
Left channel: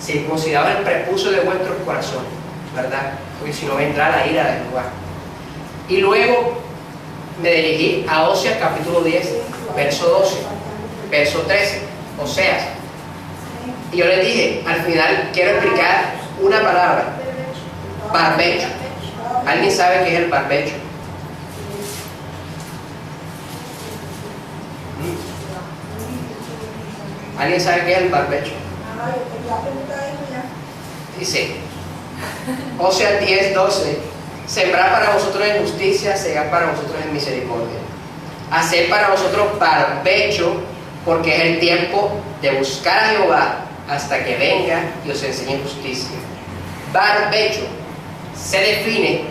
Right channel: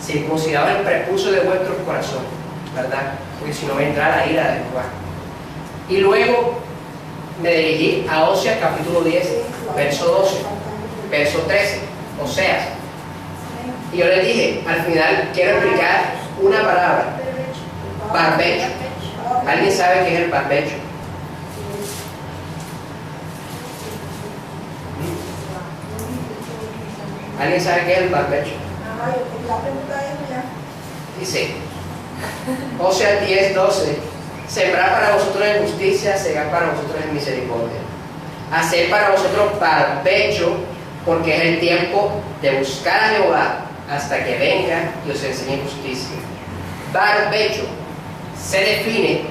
Circuncidados el prepucio de vuestros corazones, ¿verdad? Porque si no vendrá la ira de Jehová. Y luego me dirigí a Oseas capítulo 10, verso 12, verso 13, Oseas. Y yo les dije, al final quiero explicar una palabra, barbecho. ¿Alguien sabe qué es el barbecho? ¿Alguien sabe qué es el barbecho? Dice, Oseas 10, 12, sembrar para vosotros en justicia, segar para vosotros en misericordia. Hacer para vosotros barbecho, porque es el tiempo de buscar a Jehová hasta que venga y os enseñe justicia. Barbecho se define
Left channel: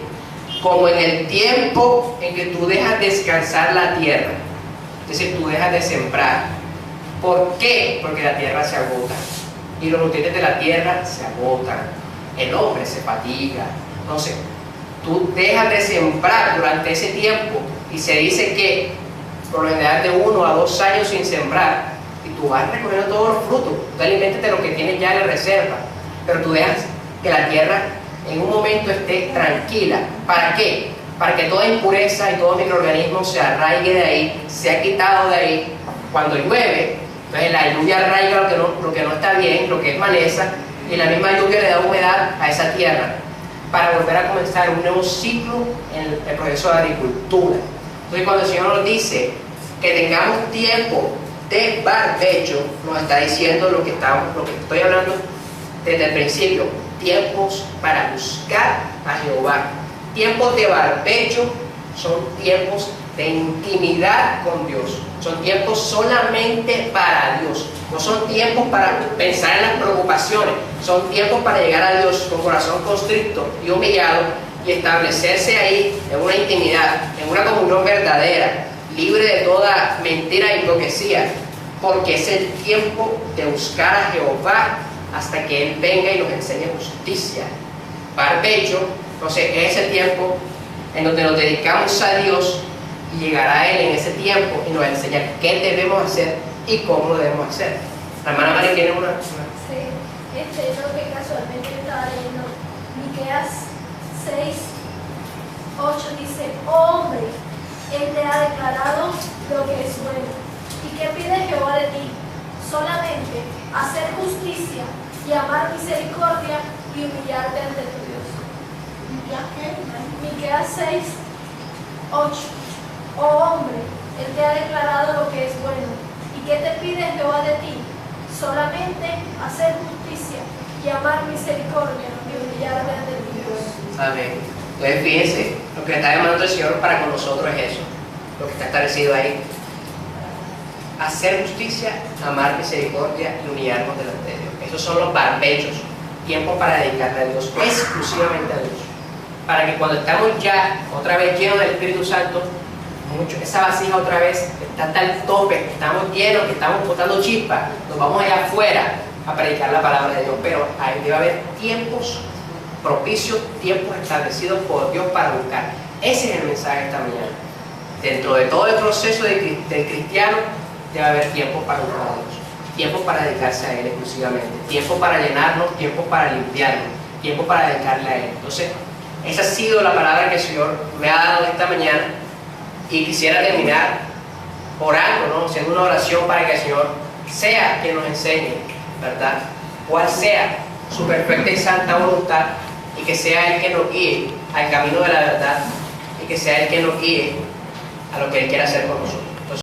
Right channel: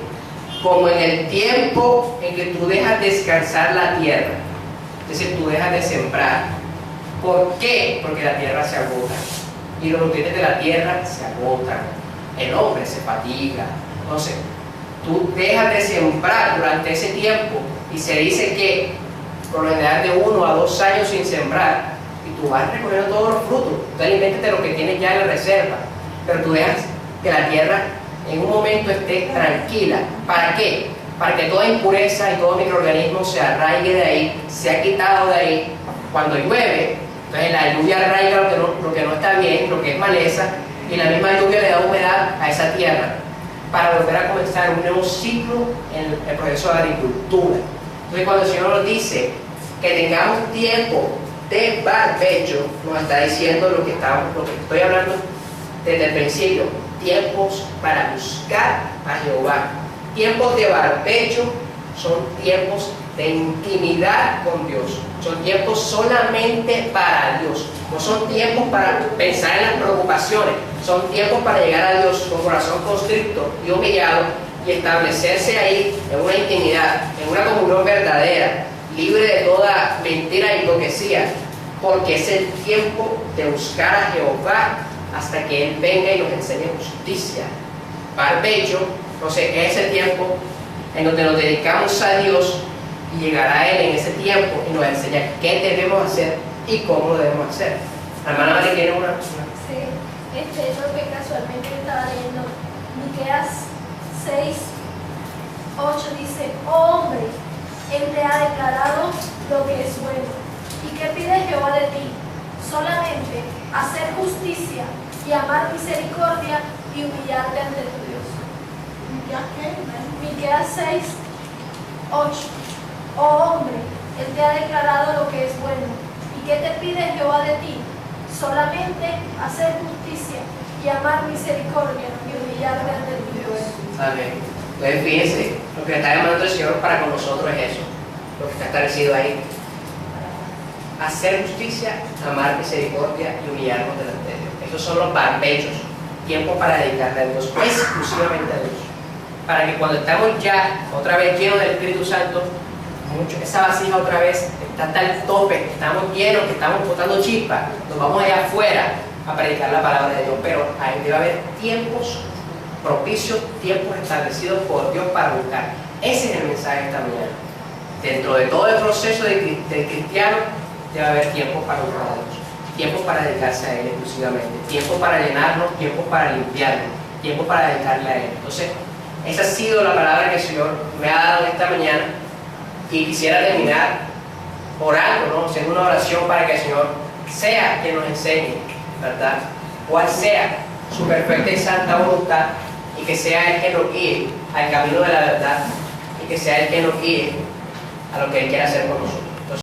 como en el tiempo en que tú dejas descansar la tierra, es decir, tú dejas de sembrar. ¿Por qué? Porque la tierra se agota y los nutrientes de la tierra se agotan, el hombre se fatiga. Entonces, tú dejas de sembrar durante ese tiempo y se dice que por lo general de 1 a 2 años sin sembrar, y tú vas recogiendo todos los frutos, tú aliméntate lo que tienes ya en la reserva, pero tú dejas que la tierra en un momento esté tranquila. ¿Para qué? Para que toda impureza y todo microorganismo se arraigue de ahí, se ha quitado de ahí. Cuando llueve, entonces la lluvia arraiga lo que no está bien, lo que es maleza, y la misma lluvia le da humedad a esa tierra para volver a comenzar un nuevo ciclo en el proceso de agricultura. Entonces, cuando el Señor nos dice que tengamos tiempo de barbecho, nos está diciendo lo que estoy hablando desde el principio: tiempos para buscar a Jehová. Tiempos de barbecho son tiempos de intimidad con Dios, son tiempos solamente para Dios, no son tiempos para pensar en las preocupaciones, son tiempos para llegar a Dios con corazón constricto y humillado y establecerse ahí en una intimidad, en una comunión verdadera, libre de toda mentira e hipocresía, porque es el tiempo de buscar a Jehová hasta que Él venga y nos enseñe justicia. Barbecho, entonces, es el tiempo en donde nos dedicamos a Dios y llegará Él en ese tiempo y nos enseña qué debemos hacer y cómo lo debemos hacer. La hermana María tiene una... Sí, lo que casualmente estaba leyendo, Miqueas 6:8 dice: oh hombre, Él te ha declarado lo que es bueno. ¿Y qué pide Jehová de ti? Solamente hacer justicia y amar misericordia y humillarte ante tu Dios. Miqueas 6:8. Oh hombre, Él te ha declarado lo que es bueno. ¿Y qué te pide Jehová de ti? Solamente hacer justicia y amar misericordia y humillarte ante tu Dios. Amén. Entonces fíjense, lo que está demandando el Señor para con nosotros es eso, lo que está establecido ahí: hacer justicia, amar misericordia y humillarnos delante de Dios. Esos son los barbechos, tiempo para dedicarle a Dios, exclusivamente a Dios, para que cuando estamos ya otra vez llenos del Espíritu Santo, esa vasija otra vez está hasta el tope, estamos llenos, que estamos botando chispas, nos vamos allá afuera a predicar la palabra de Dios. Pero ahí debe haber tiempos propicios, tiempos establecidos por Dios para buscar. Ese es el mensaje de esta mañana. Dentro de todo el proceso del cristiano debe haber tiempo para buscar a Dios, tiempo para dedicarse a Él exclusivamente, tiempo para llenarnos, tiempo para limpiarnos, tiempo para dedicarle a Él. Entonces, esa ha sido la palabra que el Señor me ha dado esta mañana, y quisiera terminar orando, ¿no? Haciendo una oración para que el Señor sea quien nos enseñe, ¿verdad?, cuál sea su perfecta y santa voluntad, y que sea Él que nos guíe al camino de la verdad, y que sea Él que nos guíe a lo que Él quiera hacer con nosotros.